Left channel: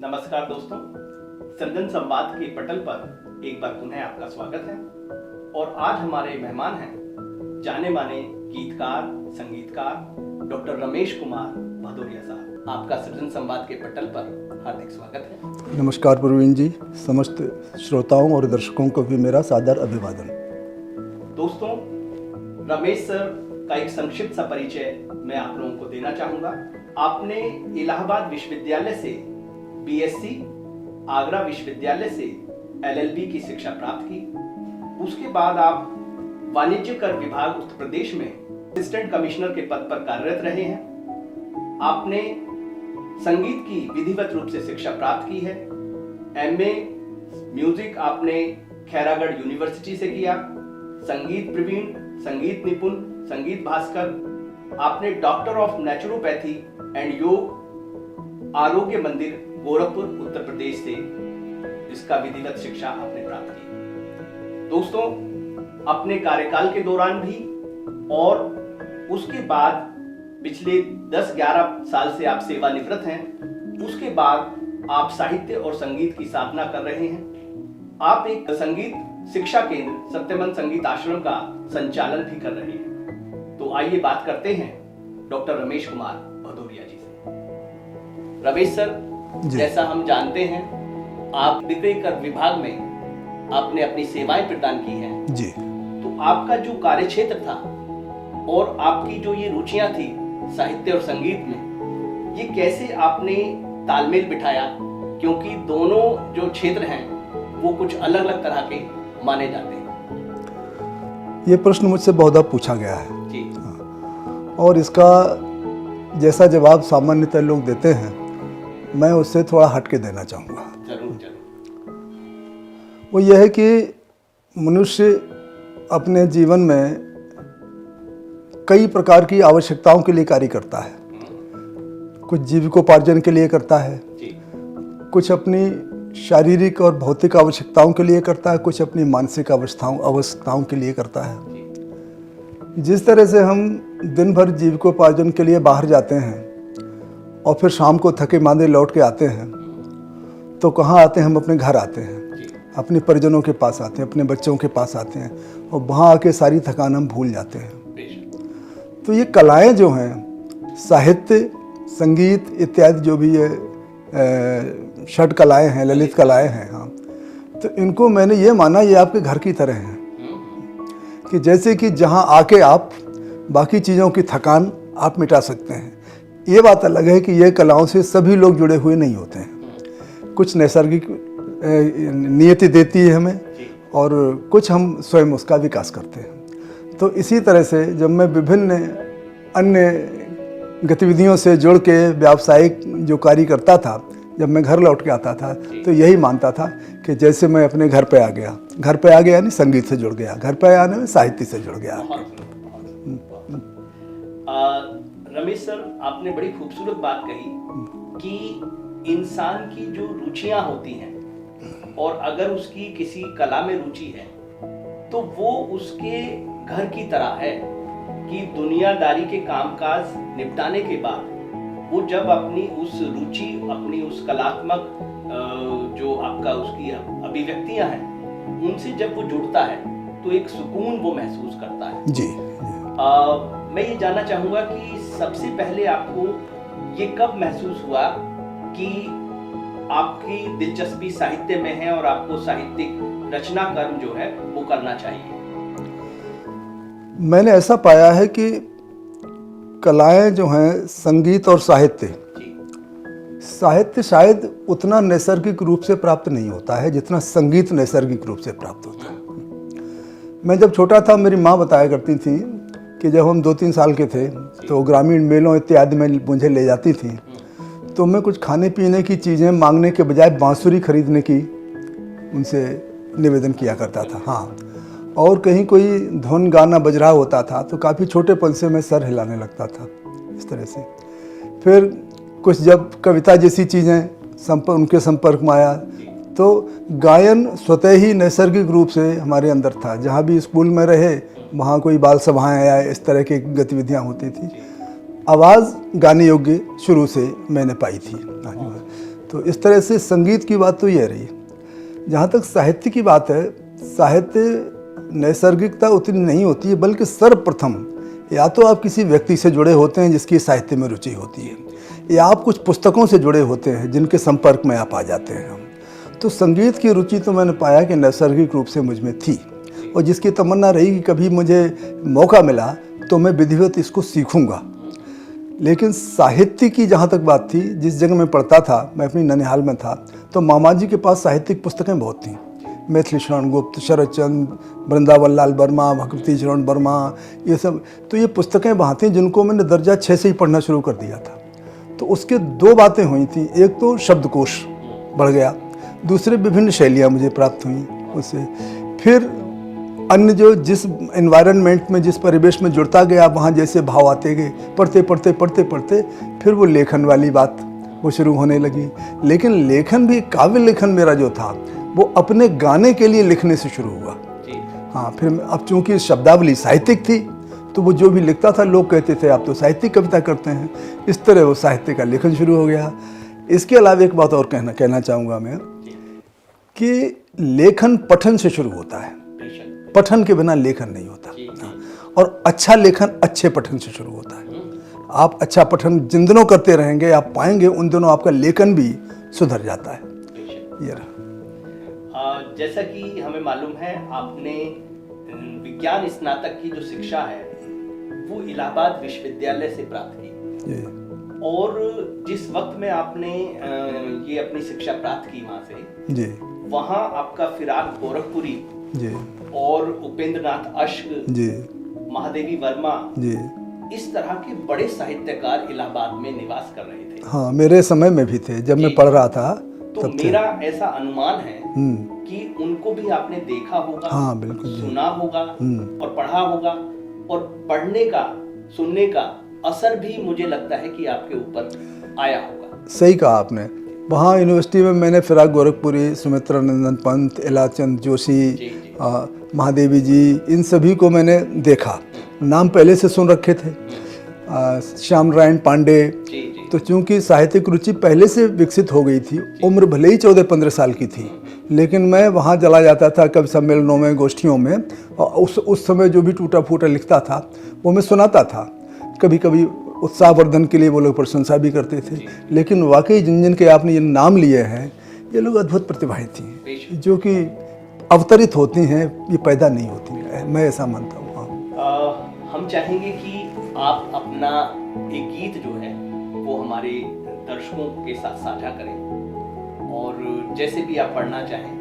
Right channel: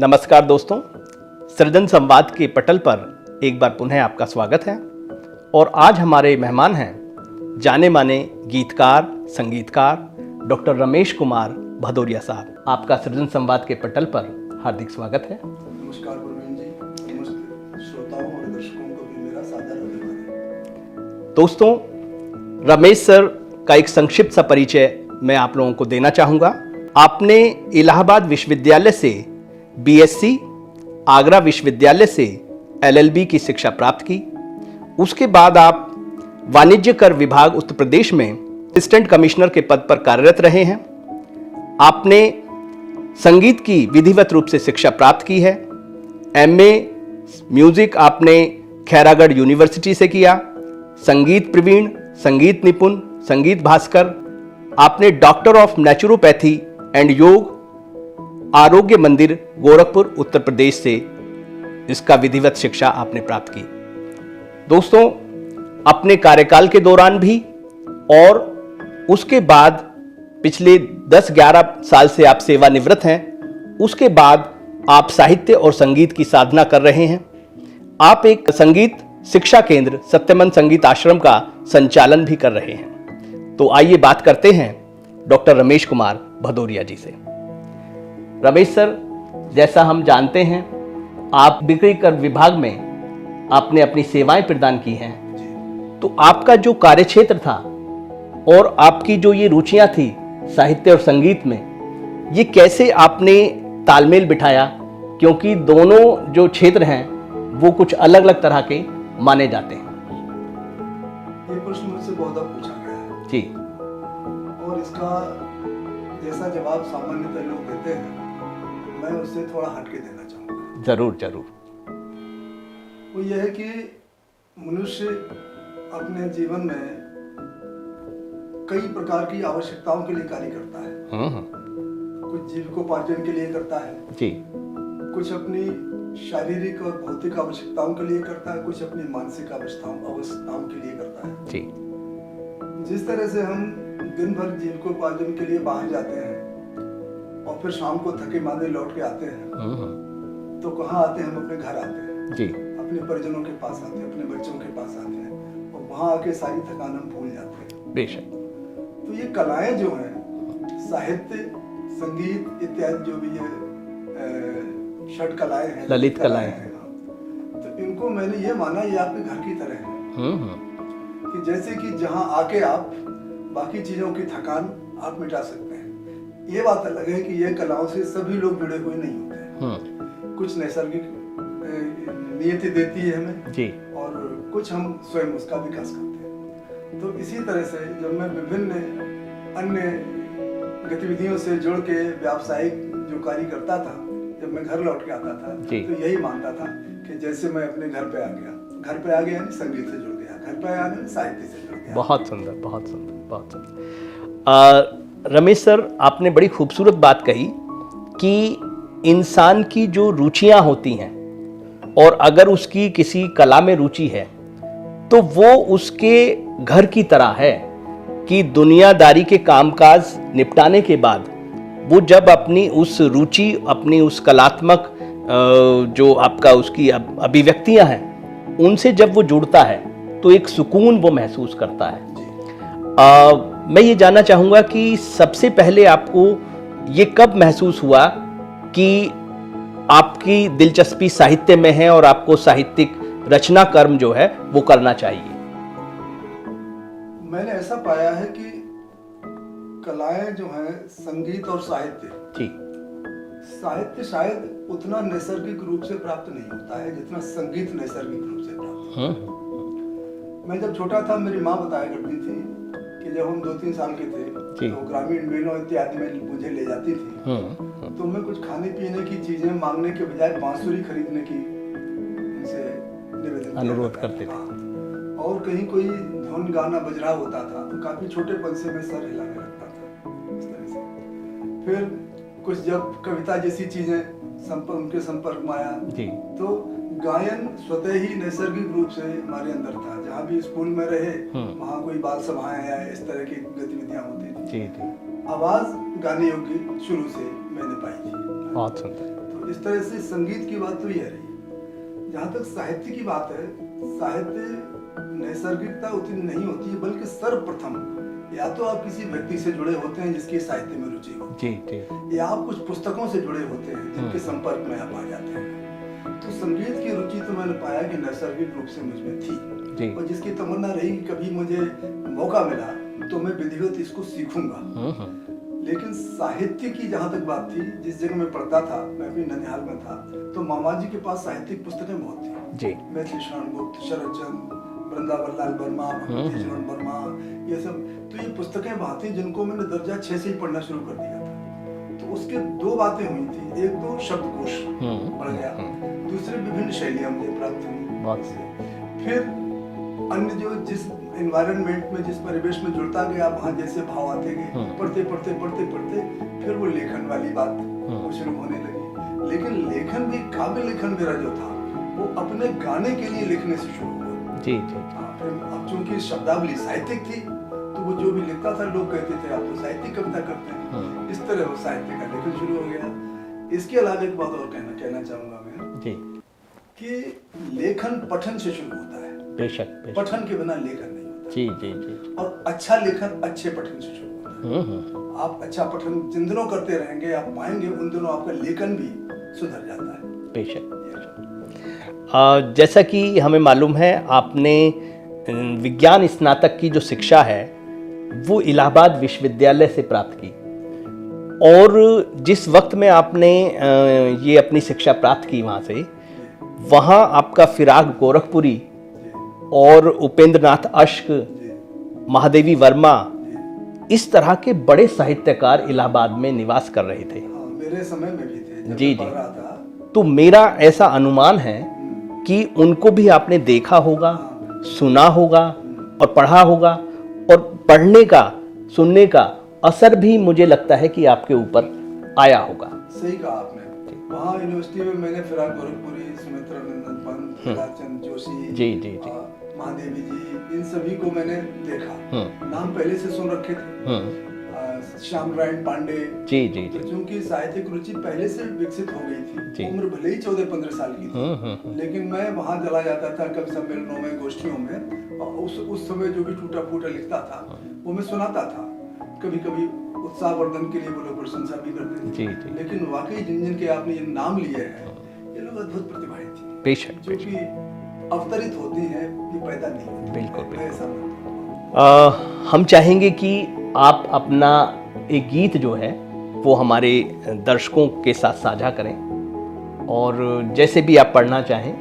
नमस्कार दोस्तों, सृजन संवाद के पटल पर एक बार पुनः आपका स्वागत है। और आज हमारे मेहमान हैं जाने माने गीतकार संगीतकार डॉक्टर रमेश कुमार भदौरिया साहब। आपका सृजन संवाद के पटल पर हार्दिक स्वागत है। नमस्कार प्रवीण जी, समस्त श्रोताओं और दर्शकों को भी मेरा सादर अभिवादन। दोस्तों, रमेश सर का एक संक्षिप्त सा परिचय मैं आप लोगों को देना चाहूँगा। आपने इलाहाबाद विश्वविद्यालय से बीएससी, आगरा विश्वविद्यालय से एलएलबी की शिक्षा प्राप्त की। उसके बाद आप वाणिज्य कर विभाग उत्तर प्रदेश में असिस्टेंट कमिश्नर के पद पर कार्यरत रहे हैं। आपने संगीत की विधिवत रूप से शिक्षा प्राप्त की है। एमए म्यूजिक आपने खैरागढ़ यूनिवर्सिटी से किया। संगीत प्रवीण, संगीत निपुण, संगीत भास्कर आपने डॉक्टर ऑफ नेचुरोपैथी एंड योग आरोग्य मंदिर गोरखपुर उत्तर प्रदेश से इसका विधिवत शिक्षा आपने प्राप्त की। दोस्तों, अपने कार्यकाल के दौरान भी और उसके बाद पिछले 10-11 साल से आप सेवानिवृत्त हैं। उसके बाद आप साहित्य और संगीत की साधना कर रहे हैं। आप एक संगीत शिक्षा केंद्र सत्यमन संगीत आश्रम का संचालन भी कर रहे हैं। तो आइए बात करते हैं डॉक्टर रमेश कुमार भदौरिया जी से। रमेश सर, जैसा हम जानते हैं, आप बिक्री कर विभाग में आपने अपनी सेवाएं प्रदान की हैं जी। तो आपका जो कार्यक्षेत्र था और आपकी जो ये रुचियां थी साहित्य और संगीत में, ये कैसे आपने तालमेल बिठाया? क्योंकि दोनों जो क्षेत्र हैं वो कुछ अलग अलग तरह के माने जाते हैं। ये प्रश्न मुझसे बहुत पूछा गया है जी। और इसका जैसा जवाब सामान्यतः लोग देते हैं, मैं उससे थोड़ा हट के देना चाहूँगा। जरूर जरूर। वो ये है कि मनुष्य अपने जीवन में कई प्रकार की आवश्यकताओं के लिए कार्य करता है। कुछ जीविकोपार्जन के लिए करता है जी। कुछ अपनी शारीरिक और भौतिक आवश्यकताओं के लिए करता है, कुछ अपनी मानसिक आवश्यकताओं के लिए करता है जी। जिस तरह से हम दिन भर जीविकोपार्जन के लिए बाहर जाते हैं और फिर शाम को थके मांदे लौट के आते हैं, तो कहाँ आते हैं? हम अपने घर आते हैं जी। अपने परिजनों के पास आते हैं, अपने बच्चों के पास आते हैं और वहाँ आके सारी थकान हम भूल जाते हैं। बेशक। तो ये कलाएं जो हैं, साहित्य, संगीत इत्यादि जो भी ये षट कलाएं हैं, ललित कलाएं हैं, हाँ, तो इनको मैंने ये माना ये आपके घर की तरह हैं। कि जैसे कि जहाँ आके आप बाकी चीज़ों की थकान आप मिटा सकते हैं। ये बात अलग है कि ये कलाओं से सभी लोग जुड़े हुए नहीं होते हैं। कुछ नैसर्गिक नियति देती है हमें जी। और कुछ हम स्वयं उसका विकास करते हैं। तो इसी तरह से जब मैं विभिन्न अन्य गतिविधियों से जुड़ के व्यावसायिक जो कार्य करता था, जब मैं घर लौट के आता था तो यही मानता था कि जैसे मैं अपने घर पे आ गया। घर पे आ गया यानी संगीत से जुड़ गया, घर पे आने में साहित्य से जुड़ गया। बहुत सुंदर, बहुत सुंदर, बहुत सुंदर। रमेश सर, आपने बड़ी खूबसूरत बात कही कि इंसान की जो रुचियां होती हैं और अगर उसकी किसी कला में रुचि है तो वो उसके घर की तरह है कि दुनियादारी के कामकाज निपटाने के बाद वो जब अपनी उस रुचि, अपनी उस कलात्मक जो आपका उसकी अभिव्यक्तियां हैं, उनसे जब वो जुड़ता है तो एक सुकून वो महसूस करता है जी। मैं ये जानना चाहूँगा कि सबसे पहले आपको ये कब महसूस हुआ कि आपकी दिलचस्पी साहित्य में है और आपको साहित्यिक रचना कर्म जो है वो करना चाहिए? मैंने ऐसा पाया है कि कलाएं जो हैं, संगीत और साहित्य जी। साहित्य शायद उतना नैसर्गिक रूप से प्राप्त नहीं होता है जितना संगीत नैसर्गिक रूप से प्राप्त होता है। मैं जब छोटा था, मेरी माँ बताया करती थी कि जब हम 2-3 साल के थे तो ग्रामीण मेलों इत्यादि में मुझे ले जाती थी, तो मैं कुछ खाने पीने की चीज़ें मांगने के बजाय बांसुरी खरीदने की उनसे निवेदन किया करता था। हाँ, और कहीं कोई धुन गाना बज रहा होता था तो काफ़ी छोटेपन से मैं सर हिलाने लगता था इस तरह से। फिर कुछ जब कविता जैसी चीज़ें उनके संपर्क में आया तो गायन स्वतः ही नैसर्गिक रूप से हमारे अंदर था। जहाँ भी स्कूल में रहे वहाँ कोई बाल सभाएं या इस तरह की गतिविधियाँ होती थी। आवाज़ गाने योग्य शुरू से मैंने पाई थी। तो इस तरह से संगीत की बात तो ये रही। जहाँ तक साहित्य की बात है, साहित्य नैसर्गिकता उतनी नहीं होती है, बल्कि सर्वप्रथम या तो आप किसी व्यक्ति से जुड़े होते हैं जिसकी साहित्य में रुचि होती है, या आप कुछ पुस्तकों से जुड़े होते हैं जिनके संपर्क में आप आ जाते हैं। तो संगीत की रुचि तो मैंने पाया कि नैसर्गिक रूप से मुझ में थी, और जिसकी तमन्ना रही कि कभी मुझे मौका मिला तो मैं विधिवत इसको सीखूंगा। लेकिन साहित्य की जहाँ तक बात थी, जिस जगह मैं पढ़ता था, मैं अपनी ननिहाल में था, तो मामा जी के पास साहित्यिक पुस्तकें बहुत थी। मैथिली शरण गुप्त, शरद चंद्र, वृंदावन लाल वर्मा, भक्ति चरण वर्मा, ये सब। तो ये पुस्तकें वहाँ थी जिनको मैंने दर्जा 6 से ही पढ़ना शुरू कर दिया था। तो उसके 2 बातें हुई थी। एक तो शब्दकोश बढ़ गया, दूसरे विभिन्न शैलियाँ मुझे प्राप्त हुई उससे। फिर अन्य जो जिस एनवायरनमेंट में, जिस परिवेश में जुड़ता गया, वहाँ जैसे भाव आते गए, पढ़ते पढ़ते पढ़ते पढ़ते फिर वो लेखन वाली बात वो शुरू होने लगी। लेकिन लेखन भी, काव्य लेखन मेरा जो था वो अपने गाने के लिए लिखने से शुरू हुआ। हाँ, फिर अब चूंकि शब्दावली साहित्यिक थी तो वो जो भी लिखता था लोग कहते थे आप तो साहित्यिक कविता करते हैं। इस तरह वो साहित्य का लेखन शुरू हो गया। इसके अलावा एक बात और कहना चाहूँगा मैं कि लेखन पठन से शुरू होता है। बेशक। पठन के बिना लेखन नहीं होता। और अच्छा लेखन अच्छे पठन से शुरू होता है। आप अच्छा पठन जिन दिनों करते रहेंगे, आप पाएंगे उन दिनों आपका लेखन भी सुधर जाता है। बेशक। ये रहा। जैसा कि हमें मालूम है, आपने विज्ञान स्नातक की जो शिक्षा है वो इलाहाबाद विश्वविद्यालय से प्राप्त की, और जिस वक्त में आपने ये अपनी शिक्षा प्राप्त की वहाँ से, वहाँ आपका फिराक गोरखपुरी और उपेंद्र नाथ अश्क, महादेवी वर्मा, इस तरह के बड़े साहित्यकार इलाहाबाद में निवास कर रहे थे। हाँ, मेरे समय में भी थे जब मैं पढ़ रहा था। तो मेरा ऐसा अनुमान है कि उनको भी आपने देखा होगा, सुना होगा और पढ़ा होगा, और पढ़ने का, सुनने का असर भी मुझे लगता है कि आपके ऊपर आया होगा। सही कहा आपने। वहाँ यूनिवर्सिटी में मैंने फिराक गोरखपुरी, सुमित्रा नंदन पंत, इलाचंद जोशी, महादेवी जी, इन सभी को मैंने देखा। नाम पहले से सुन रखे थे। श्याम नारायण पांडे। तो चूंकि साहित्यिक रुचि पहले से विकसित हो गई थी, उम्र भले ही 14-15 साल की थी, लेकिन मैं वहाँ चला जाता था कवि सम्मेलनों में, गोष्ठियों में, और उस समय जो भी टूटा फूटा लिखता था वो मैं सुनाता था। कभी कभी उत्साहवर्धन के लिए वो लोग प्रशंसा भी करते थे। लेकिन वाकई जिन जिन के आपने ये नाम लिए हैं, ये लोग अद्भुत प्रतिभाएं थी, जो कि अवतरित होती हैं, ये पैदा नहीं होती। मैं ऐसा मानता हूँ। हम चाहेंगे कि आप अपना एक गीत जो है वो हमारे दर्शकों के साथ साझा करें, और जैसे भी आप पढ़ना चाहें,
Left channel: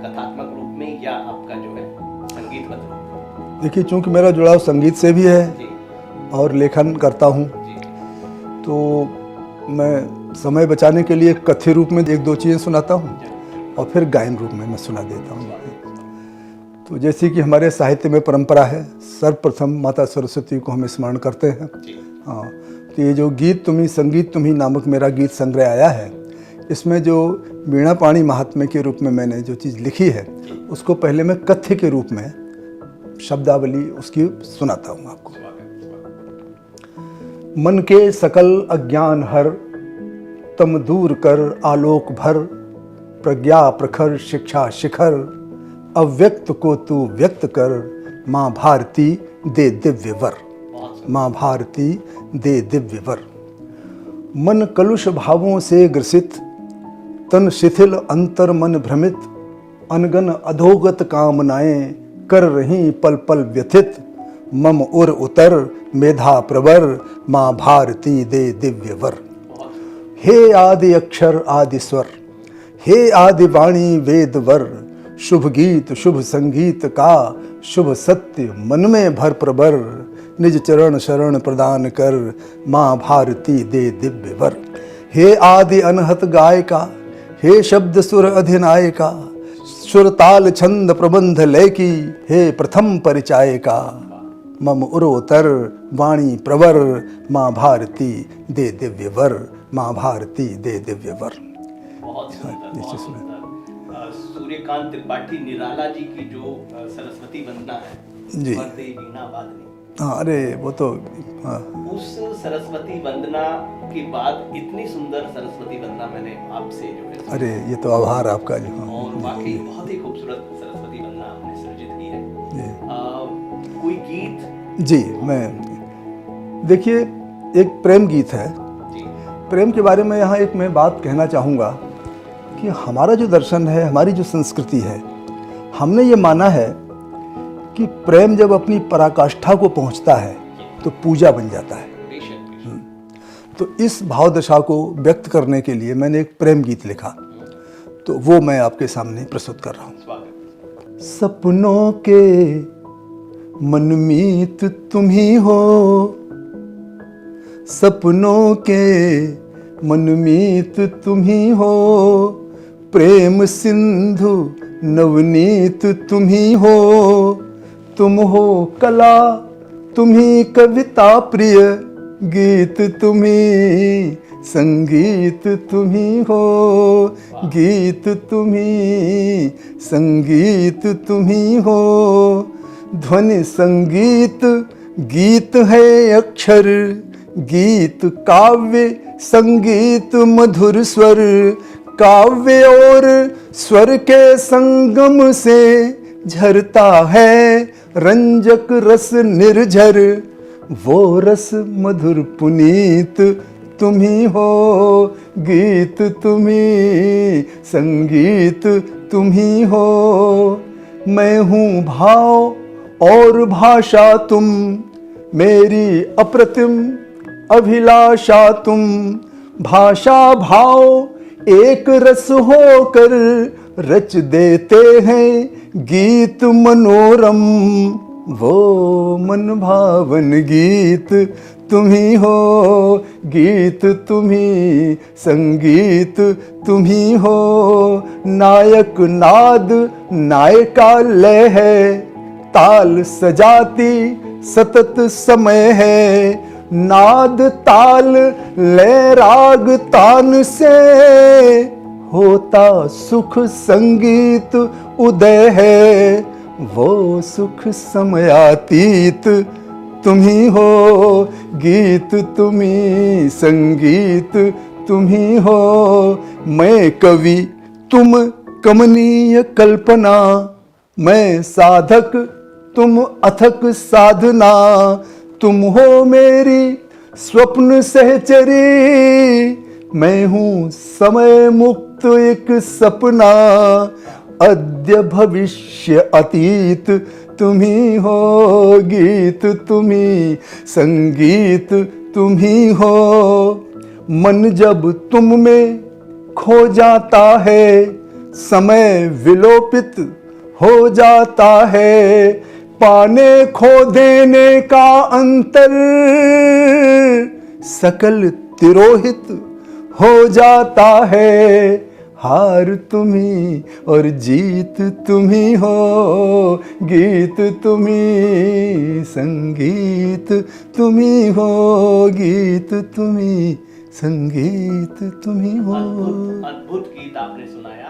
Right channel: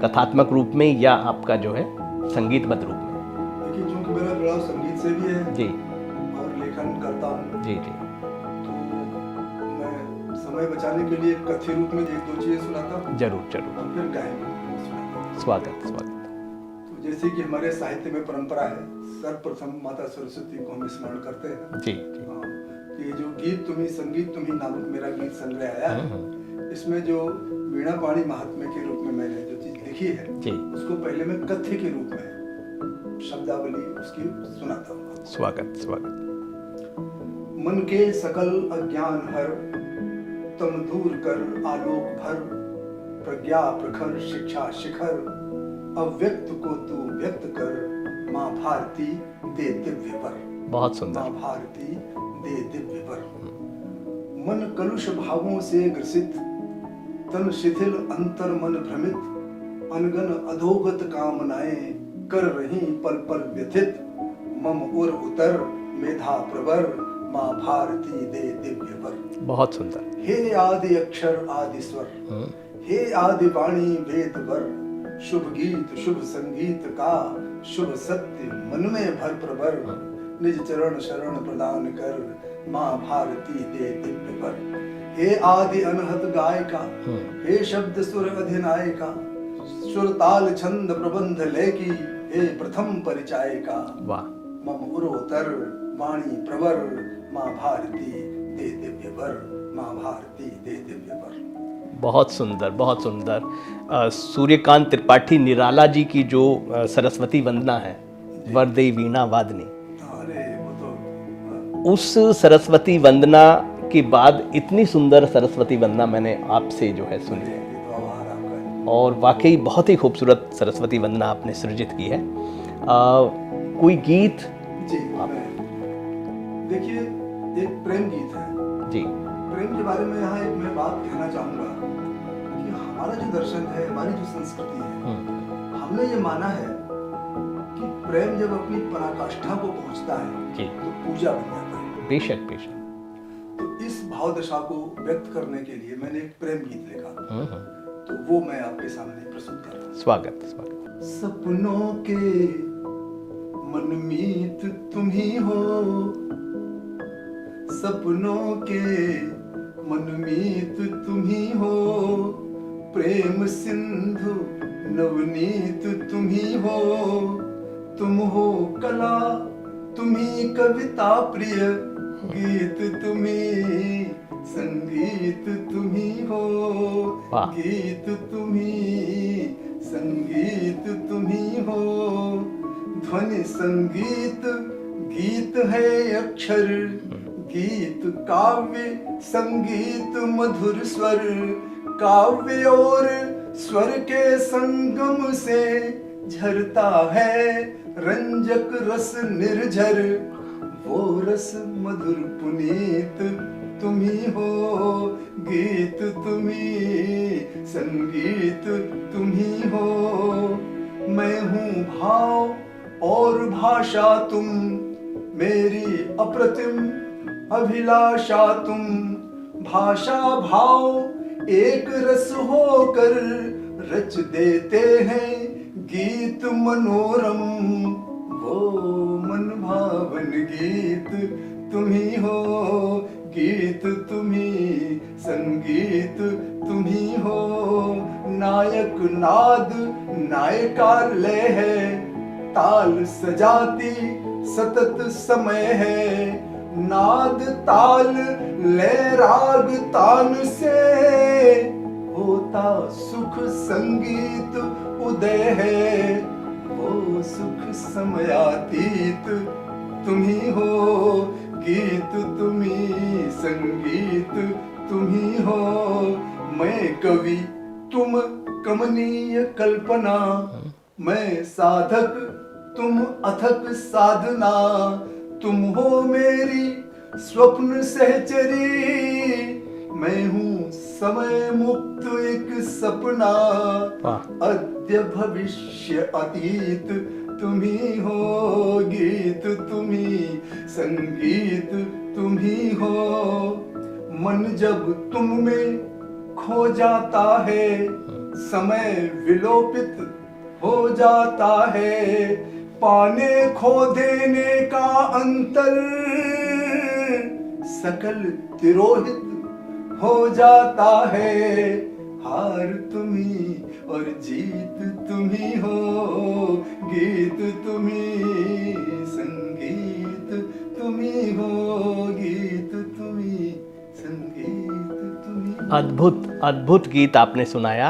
कथात्मक रूप में या आपका जो है संगीतबद्ध रूप में। देखिए, चूंकि मेरा जुड़ाव संगीत से भी है और लेखन करता हूँ, तो मैं समय बचाने के लिए कथ्य रूप में 1-2 चीज़ें सुनाता हूँ। जरूर। और फिर गायन रूप में मैं सुना देता हूँ। स्वागत। तो जैसे कि हमारे साहित्य में परंपरा है, सर्वप्रथम माता सरस्वती को हम स्मरण करते हैं। हाँ, तो ये जो गीत तुम्ही संगीत तुम्ही नामक मेरा गीत संग्रह आया है, इसमें जो वीणा पाणी महात्म्य के रूप में मैंने जो चीज़ लिखी है, उसको पहले मैं कथ्य के रूप में शब्दावली उसकी सुनाता हूँ आपको। स्वागत। मन के सकल अज्ञान हर, तम दूर कर आलोक भर, प्रज्ञा प्रखर शिक्षा शिखर, अव्यक्त को तू व्यक्त कर, माँ भारती दे दिव्य वर। बहुत सुंदर। माँ भारती दे दिव्य वर। मन कलुष भावों से ग्रसित, तन शिथिल अंतर मन भ्रमित, अनगन अधोगत कामनाएं कर रही पल पल व्यथित, मम उर उतर मेधा प्रवर, माँ भारती दे दिव्य वर। बहुत सुंदर। हे आदि अक्षर आदि स्वर, हे आदि वाणी वेद वर, शुभ गीत शुभ संगीत का, शुभ सत्य मन में भर प्रबर, निज चरण शरण प्रदान कर, माँ भारती दे दिव्य वर। हे आदि अनहत गायिका, हे शब्द सुर अधिनायिका, सुर ताल छंद प्रबंध लय की, हे प्रथम परिचायिका, मम उरोतर वाणी प्रवर, माँ भारती दे दिव्य वर, माँ भारती दे दिव्य वर। बहुत सुंदर, बहुत सुंदर। सूर्यकांत त्रिपाठी निराला जी की जो सरस्वती वंदना है, वरदे वीणा वादनी। हाँ, अरे वो तो हाँ। उस सरस्वती वंदना के बाद इतनी सुंदर सरस्वती वंदना मैंने आपसे जो है सुनी। अरे ये तो आभार आपका जी। और वाकई बहुत ही खूबसूरत सरस्वती वंदना आपने सृजित की है। कोई गीत? जी मैं देखिए, एक प्रेम गीत है। जी प्रेम के बारे में यहाँ एक मैं बात कहना चाहूँगा कि हमारा जो दर्शन है, हमारी जो संस्कृति है, हमने ये माना है कि प्रेम जब अपनी पराकाष्ठा को पहुँचता है जी। तो पूजा बन जाता है। बेशक बेशक। तो इस भाव दशा को व्यक्त करने के लिए मैंने एक प्रेम गीत लिखा, तो वो मैं आपके सामने प्रस्तुत कर रहा हूँ। स्वागत स्वागत। सपनों के मनमीत तुम ही हो, सपनों के मनमीत तुम ही हो, प्रेम सिंधु नवनीत तुम ही हो, तुम हो कला तुम ही कविता प्रिय, गीत तुम ही संगीत तुम ही हो, गीत तुम ही संगीत तुम ही हो, ध्वनि संगीत गीत है अक्षर, गीत काव्य संगीत मधुर स्वर, काव्य और स्वर के संगम से झरता है रंजक रस निर्झर, वो रस मधुर पुनीत तुम ही हो, गीत तुम ही संगीत तुम ही हो, मैं हूँ भाव और भाषा तुम, मेरी अप्रतिम अभिलाषा तुम, भाषा भाव एक रस होकर रच देते हैं गीत मनोरम, वो मन भावन गीत तुम ही हो, गीत तुम ही संगीत तुम ही हो, नायक नाद नायिका लय है, ताल सजाती सतत समय है, नाद ताल लय राग तान से होता सुख संगीत उदय है, वो सुख समयातीत तुम ही हो, गीत तुम ही संगीत तुम ही हो, मैं कवि तुम कमनीय कल्पना, मैं साधक तुम अथक साधना, तुम हो मेरी स्वप्न सहचरी, मैं हूँ समय मुक्त एक सपना, अद्य भविष्य अतीत तुम ही हो, गीत तुम ही संगीत तुम ही हो, मन जब तुम में खो जाता है, समय विलोपित हो जाता है, पाने खो देने का अंतर सकल तिरोहित हो जाता है, हार तुम ही और जीत तुम ही हो, गीत तुम ही संगीत तुम ही हो, गीत तुम ही संगीत तुम ही हो। अद्भुत अद्भुत गीत आपने सुनाया।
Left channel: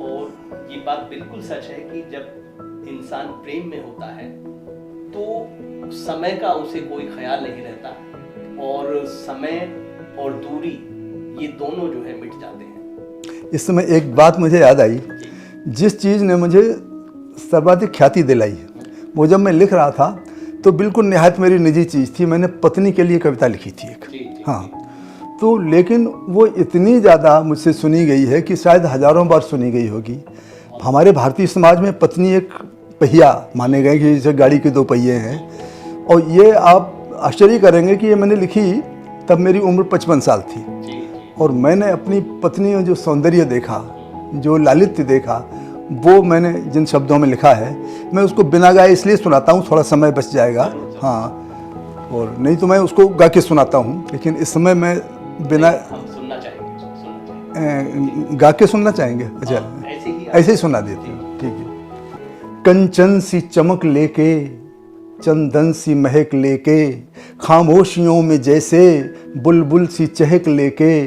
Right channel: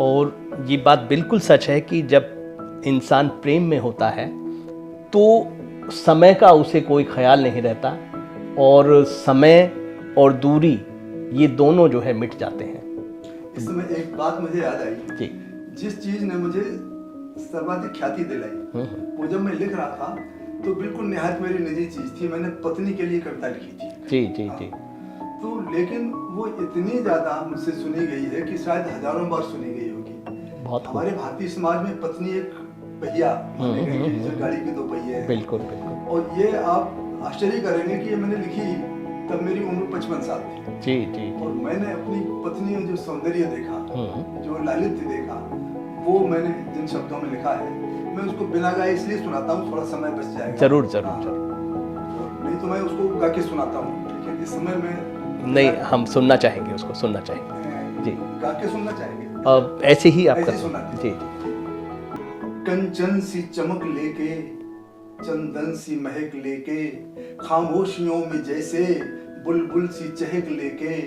और ये बात बिल्कुल सच है कि जब इंसान प्रेम में होता है तो समय का उसे कोई ख्याल नहीं रहता, और समय और दूरी ये दोनों जो है मिट जाते हैं। इस समय एक बात मुझे याद आई, जिस चीज़ ने मुझे सर्वाधिक ख्याति दिलाई, वो जब मैं लिख रहा था तो बिल्कुल निहायत मेरी निजी चीज़ थी। मैंने पत्नी के लिए कविता लिखी थी एक। जी हाँ, तो लेकिन वो इतनी ज़्यादा मुझसे सुनी गई है कि शायद हजारों बार सुनी गई होगी। हमारे भारतीय समाज में पत्नी एक पहिया माने गए कि जैसे गाड़ी के दो पहिए हैं। और ये आप आश्चर्य करेंगे कि ये मैंने लिखी तब मेरी उम्र 55 साल थी। जी। और मैंने अपनी पत्नी में जो सौंदर्य देखा, जो लालित्य देखा, वो मैंने जिन शब्दों में लिखा है, मैं उसको बिना गाए इसलिए सुनाता हूँ, थोड़ा समय बच जाएगा। जरूर जरूर। हाँ, और नहीं तो मैं उसको गा के सुनाता हूँ, लेकिन इस समय मैं बिना हम सुनना चाहेंगे, उसको सुनना चाहेंगे। गा के सुनना चाहेंगे। अच्छा, ऐसे ही ऐसे ही सुना दीजिए। ठीक है। कंचन सी चमक लेके, चंदन सी महक लेके, खामोशियों में जैसे बुलबुल सी चहक लेके,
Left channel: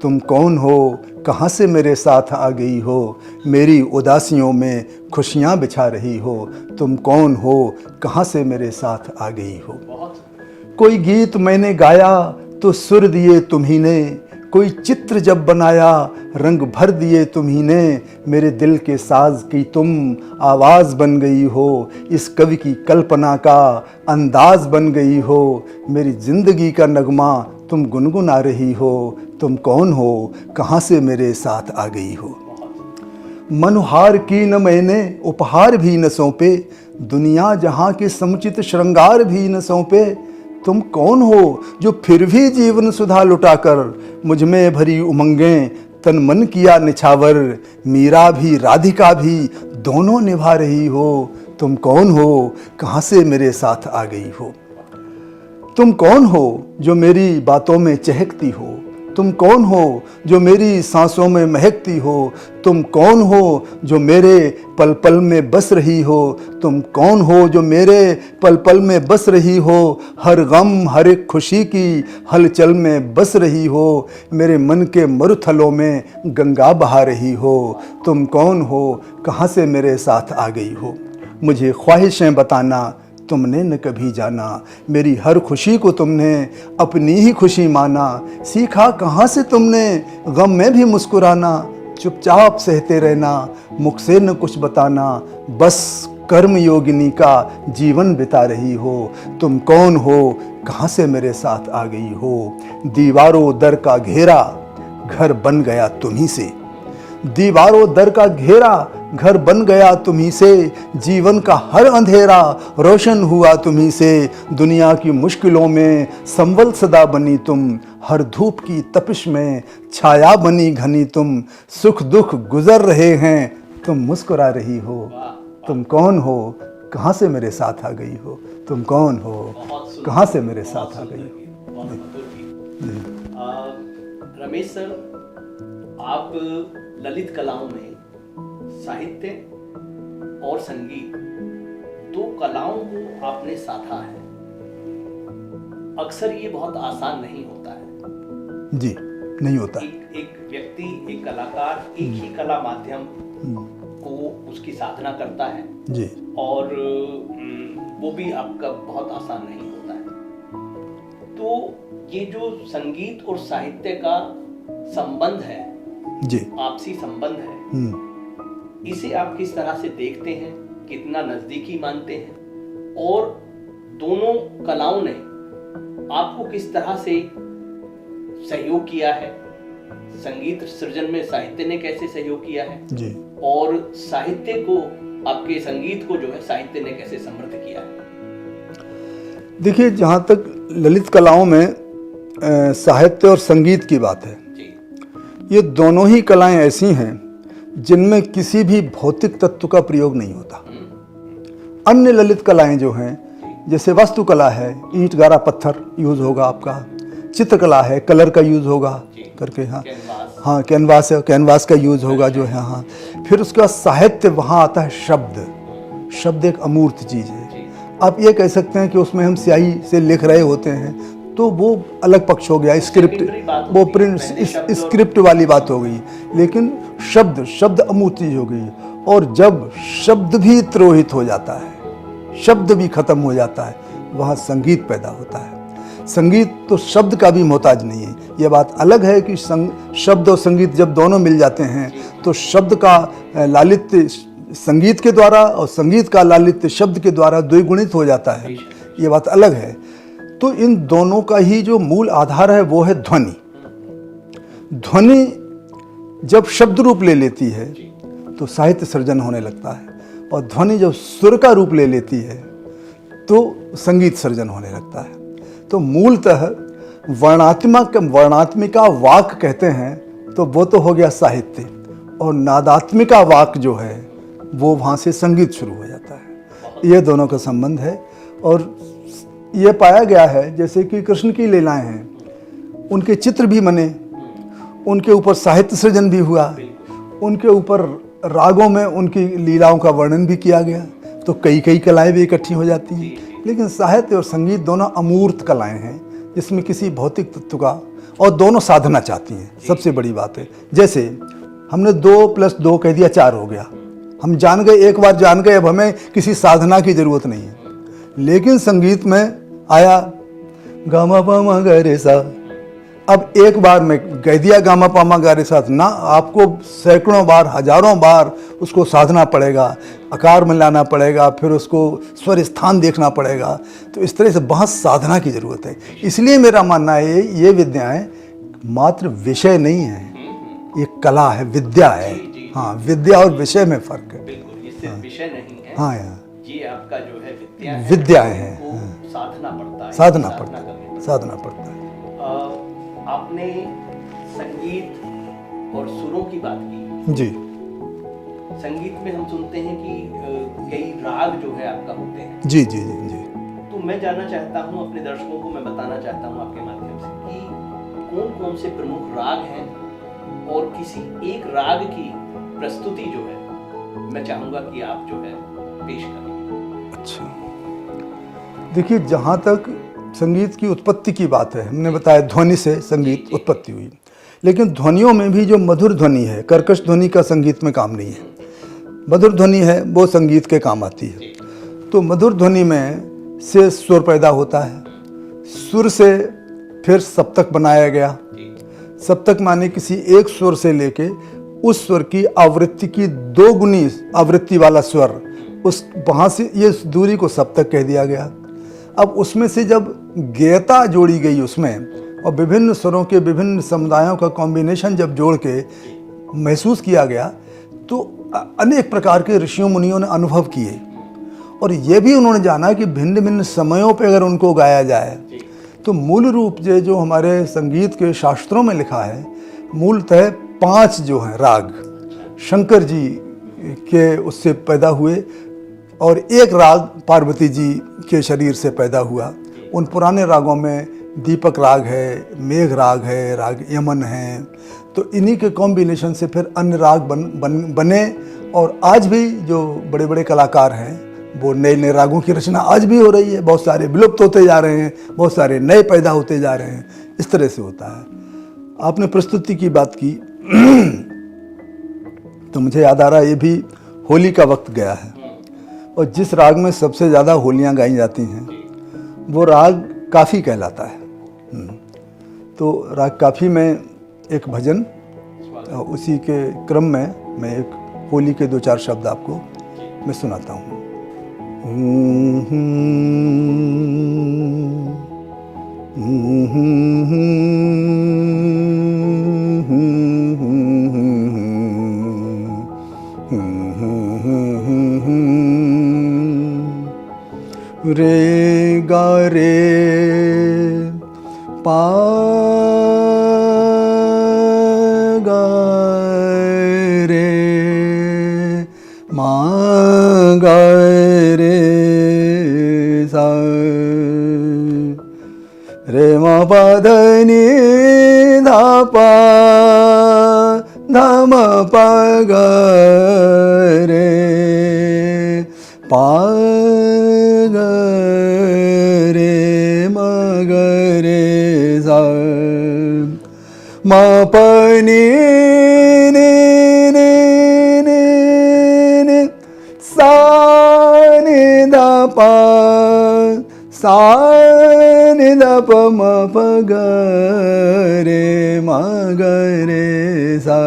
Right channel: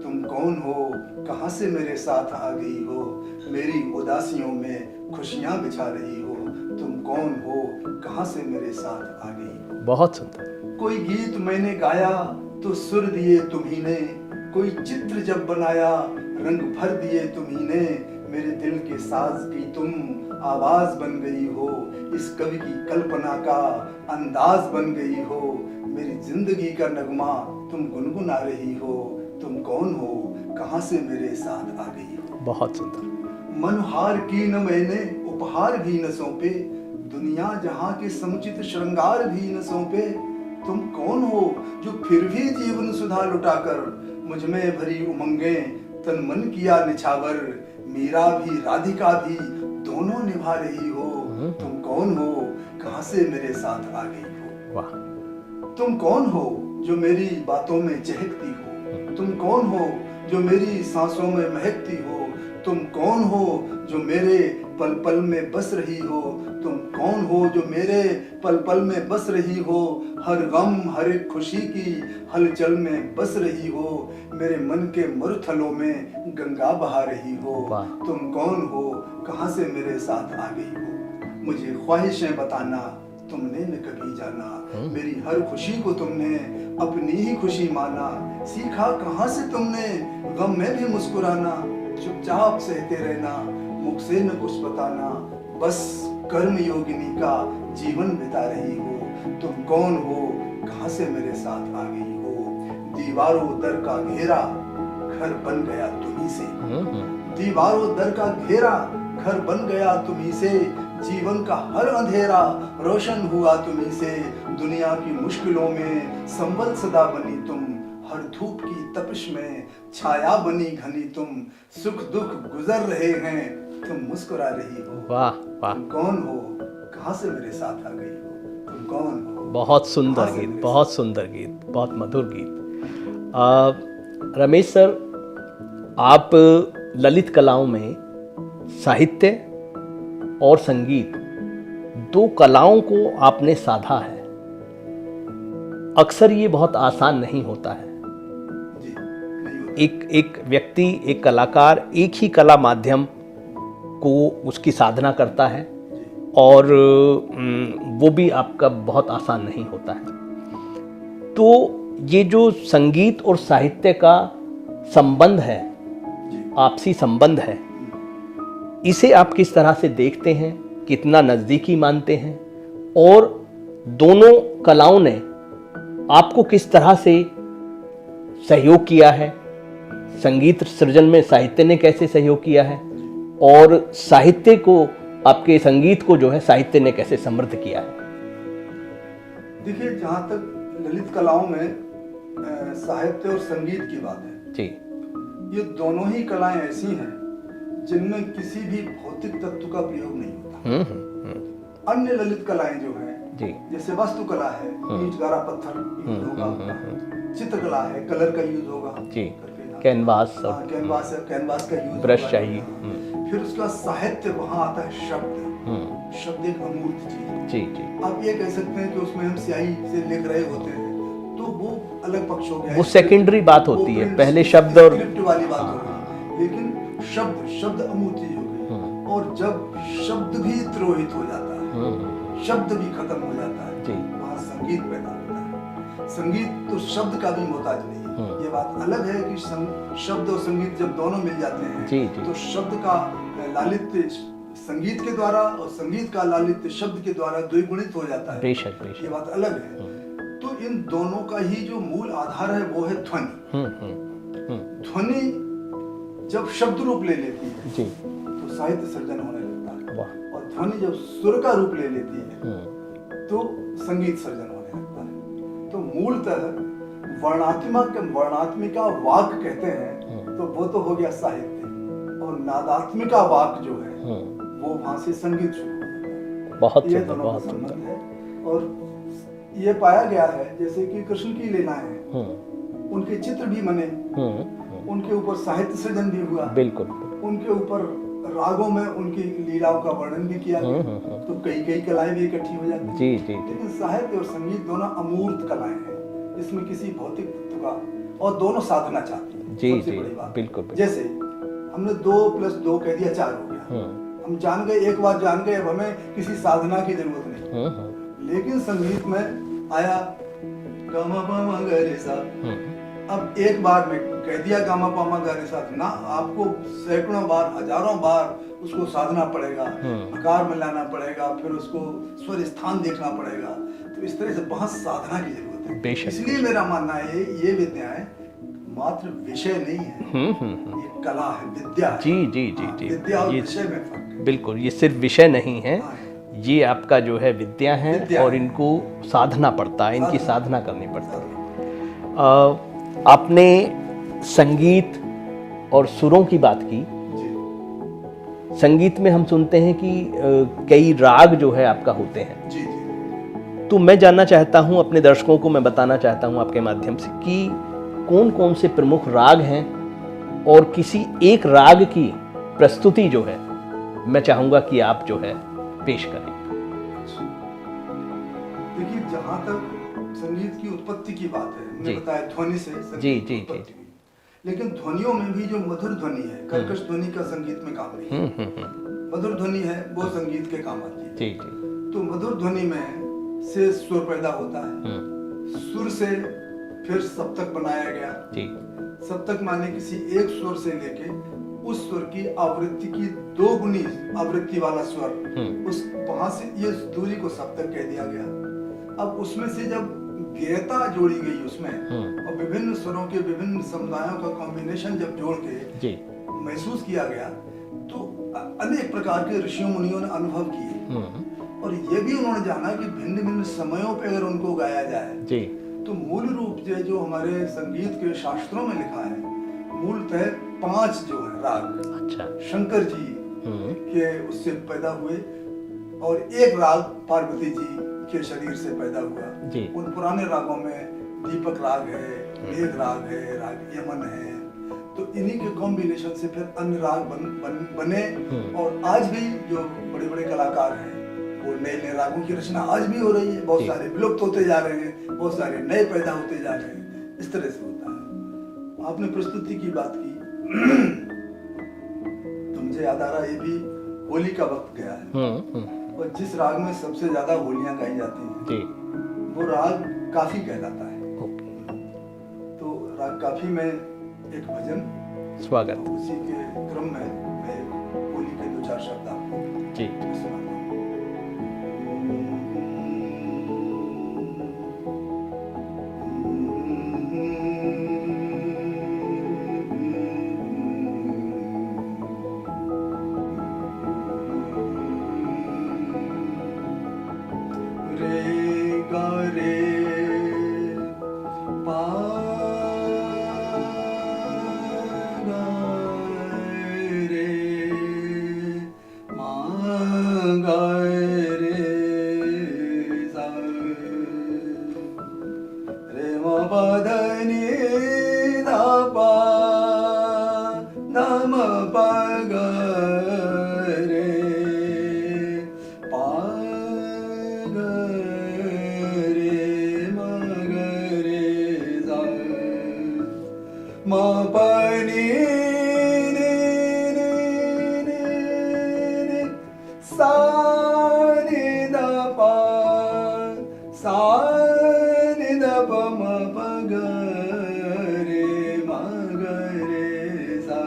तुम कौन हो, कहाँ से मेरे साथ आ गई हो, मेरी उदासियों में खुशियाँ बिछा रही हो, तुम कौन हो, कहाँ से मेरे साथ आ गई हो। बहुत सुंदर। कोई गीत मैंने गाया तो सुर दिए तुम्ही ने, कोई चित्र जब बनाया रंग भर दिए तुम्ही ने, मेरे दिल के साज की तुम आवाज़ बन गई हो, इस कवि की कल्पना का अंदाज बन गई हो, मेरी जिंदगी का नगमा तुम गुनगुना रही हो, तुम कौन हो, कहाँ से मेरे साथ आ गई हो। बहुत सुंदर। मनुहार की न मैंने उपहार भी न सौंपे, दुनिया जहाँ के समुचित श्रृंगार भी न सौंपे, तुम कौन हो जो फिर भी जीवन सुधा लुटाकर मुझ में भरी उमंगें तन मन किया निछावर, मीरा भी राधिका भी दोनों निभा रही हो, तुम कौन हो, कहाँ से मेरे साथ आ गई हो। तुम कौन हो जो मेरी बातों में चहकती हो, तुम कौन हो जो मेरी सांसों में महकती हो, तुम कौन हो जो मेरे पल पल में बस रही हो, तुम कौन हो जो मेरे पल पल में बस रही हो, हर गम हर एक खुशी की हलचल में बस रही हो, मेरे मन के मरुथलों में गंगा बहा रही हो, तुम कौन हो, कहाँ से मेरे साथ आ गई हो। मुझे ख्वाहिशें बताना तुमने न कभी जाना, मेरी हर खुशी को तुमने अपनी ही खुशी माना, सीखा कहाँ से तुमने गम में भी मुस्कुराना, चुपचाप सहते रहना मुख से न कुछ बताना, बस कर्म योगिनी का जीवन बिता रही हो, तुम कौन हो, कहाँ से मेरे साथ आ गई हो। दीवारों दर का घेरा घर बन गया तुम्ही से, दीवारों दर का घेरा घर बन गया तुम्ही से, जीवन का हर अंधेरा रोशन हुआ तुम्ही से, दुनिया की मुश्किलों में संबल सदा बनी तुम, हर धूप की तपिश में छाया बनी घनी तुम, सुख दुख गुजर रहे हैं तुम मुस्कुरा रही हो। वाह, तुम कौन हो, कहाँ से मेरे साथ आ गई हो, तुम कौन हो। बहुत सुंदर, कहाँ से गीत, मेरे बहुत साथ सुंदर गीत, बहुत मधुर गीत। रमेश सर, आप ललित कलाओं में साहित्य और संगीत दो कलाओं को आपने साधा है। अक्सर ये बहुत आसान नहीं होता है। जी, नहीं होता। एक व्यक्ति, एक कलाकार एक ही कला माध्यम को उसकी साधना करता है जी, और वो भी आपका बहुत आसान नहीं होता है। तो ये जो संगीत और साहित्य का संबंध है जी, आपसी संबंध है, इसे आप किस तरह से देखते हैं, कितना नज़दीकी मानते हैं, और दोनों कलाओं ने आपको किस तरह से सहयोग किया है, संगीत सृजन में साहित्य ने कैसे सहयोग किया है जी। और साहित्य को, आपके संगीत को जो है साहित्य ने कैसे समृद्ध किया है। देखिए, जहाँ तक ललित कलाओं में साहित्य और संगीत की बात है जी, ये दोनों ही कलाएं ऐसी हैं जिनमें किसी भी भौतिक तत्व का प्रयोग नहीं होता। अन्य ललित कलाएं जो हैं, जैसे वास्तुकला है, ईंट गारा पत्थर यूज होगा आपका, चित्रकला है, कलर का यूज होगा करके, हाँ कैनवास, हाँ कैनवास है, कैनवास का यूज होगा जो है, हाँ। फिर उसके बाद साहित्य, वहाँ आता है शब्द। शब्द एक अमूर्त चीज है। आप ये कह सकते हैं कि उसमें हम स्याही से लिख रहे होते हैं तो वो अलग पक्ष हो गया, सेकेंडरी बात होती है, पहले शब्द स्क्रिप्ट वाली बात हो गई। लेकिन शब्द अमूर्त चीज हो गई, और जब शब्द भी तिरोहित हो जाता है, शब्द भी खत्म हो जाता है, वहाँ संगीत पैदा होता है। संगीत तो शब्द का भी मोहताज नहीं है। ये बात अलग है कि शब्द और संगीत जब दोनों मिल जाते हैं तो शब्द का लालित्य संगीत के द्वारा और संगीत का लालित्य शब्द के द्वारा द्विगुणित हो जाता है। ये बात अलग है। तो इन दोनों का ही जो मूल आधार है वो है ध्वनि। ध्वनि जब शब्द रूप ले लेती है तो साहित्य सृजन होने लगता है, और ध्वनि जब सुर का रूप ले लेती है तो संगीत सृजन होने लगता है। तो मूलतः वर्णात्मिका वाक कहते हैं तो वो तो हो गया साहित्य, और नादात्मिका वाक जो है वो वहाँ से संगीत शुरू हो जाता है। ये दोनों का संबंध है। और ये पाया गया है जैसे कि कृष्ण की लीलाएं हैं, उनके चित्र भी बने, उनके ऊपर साहित्य सृजन भी हुआ, उनके ऊपर रागों में उनकी लीलाओं का वर्णन भी किया गया, तो कई कलाएं भी इकट्ठी हो जाती हैं। लेकिन साहित्य और संगीत दोनों अमूर्त कलाएं हैं जिसमें किसी भौतिक तत्व का, और दोनों साधना चाहती हैं। सबसे बड़ी बात है, जैसे हमने 2+2 कह दिया 4 हो गया, हम जान गए, एक बार जान गए, अब हमें किसी साधना की जरूरत नहीं है। लेकिन संगीत में आया गामा पामा गा रे सा। अब एक बार में कह दिया गामा पामा गा रे सा ना, आपको सैकड़ों बार हजारों बार उसको साधना पड़ेगा, आकार मिलाना पड़ेगा, फिर उसको स्वर स्थान देखना पड़ेगा। तो इस तरह से बहुत साधना की जरूरत है। इसलिए मेरा मानना है ये विद्याएं मात्र विषय नहीं है, ये कला है, विद्या है। जी, जी, हाँ, जी, विद्या और विषय में फर्क है। बिल्कुल, ये सिर्फ विषय नहीं है। हाँ, ये आपका जो है विद्या है, विद्या और है। इनको साधना पड़ता है, साधना इनकी साधना करनी पड़ती है। साधना पड़ता है। आपने संगीत और सुरों की बात की। जी संगीत में हम सुनते हैं कि कई राग जो है आपका होते हैं। जी जी जी जी। तो मैं जानना चाहता हूं, अपने दर्शकों को मैं बताना चाहता हूं आपके माध्यम से कि कौन कौन से प्रमुख राग हैं, और किसी एक राग की प्रस्तुति जो है मैं चाहूंगा कि आप जो है पेश करें। अच्छा, देखिए, जहाँ तक संगीत की उत्पत्ति की बात है, हमने बताया ध्वनि से संगीत जी, उत्पत्ति हुई, लेकिन ध्वनियों में भी जो मधुर ध्वनि है, कर्कश ध्वनि का संगीत में काम नहीं है। मधुर ध्वनि है वो संगीत के काम आती है। तो मधुर ध्वनि में से सुर पैदा होता है, सुर से फिर सप्तक बनाया गया। सप्तक माने किसी एक स्वर से लेके उस स्वर की आवृत्ति की 2 गुनी आवृत्ति वाला स्वर, उस वहां से ये दूरी को सप्तक कह दिया गया। अब उसमें से जब गेयता जोड़ी गई उसमें, और विभिन्न स्वरों के विभिन्न समुदायों का कॉम्बिनेशन जब जोड़ के महसूस किया गया, तो अनेक प्रकार के ऋषियों मुनियों ने अनुभव किए, और ये भी उन्होंने जाना कि भिन्न भिन्न समयों पे अगर उनको गाया जाए तो मूल रूप से जो हमारे संगीत के शास्त्रों में लिखा है, मूलतः 5 जो हैं राग शंकर जी के उससे पैदा हुए, और एक राग पार्वती जी के शरीर से पैदा हुआ। उन पुराने रागों में दीपक राग है, मेघ राग है, राग यमन है। तो इन्हीं के कॉम्बिनेशन से फिर अन्य राग बने, और आज भी जो बड़े बड़े कलाकार हैं वो नए नए रागों की रचना आज भी हो रही है। बहुत सारे विलुप्त होते जा रहे हैं, बहुत सारे नए पैदा होते जा रहे हैं। इस तरह से होता है। आपने प्रस्तुति की बात की तो मुझे याद आ रहा है, ये भी होली का वक्त गया है, और जिस राग में सबसे ज़्यादा होलियां गाई जाती हैं वो राग काफ़ी कहलाता है। तो राग काफ़ी में एक भजन, उसी के क्रम में मैं एक होली के 2-4 शब्द आपको मैं सुनाता हूँ। रे गा रे पा गा रे मा गा रे सा रे मा पा ध नि धा पा धा म पा गा रे पा मा प नि नि नि नि नि सा नि ध प सा नि ध प म प ग रे म ग रे सा।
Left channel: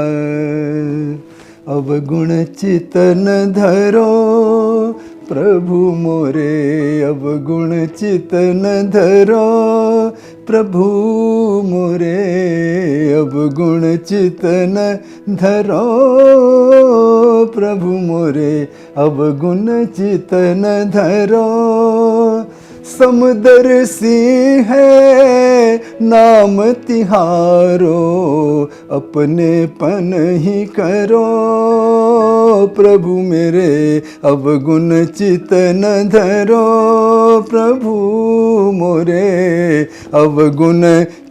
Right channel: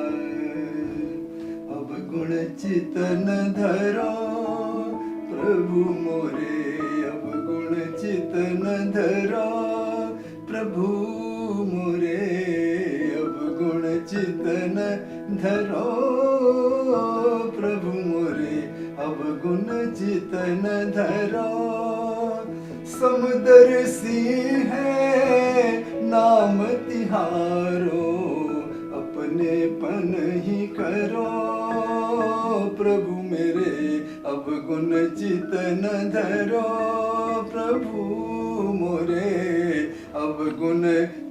अब गुण चितन धरो प्रभु मोरे, अब गुण चितन धरो प्रभु मोरे, अब गुण चितन धरो प्रभु मोरे, अब गुण चितन धरो। समुदर सी है नाम तिहारो, अपने पन ही करो प्रभु मेरे, अब गुण चितन धरो प्रभु मोरे, अब गुण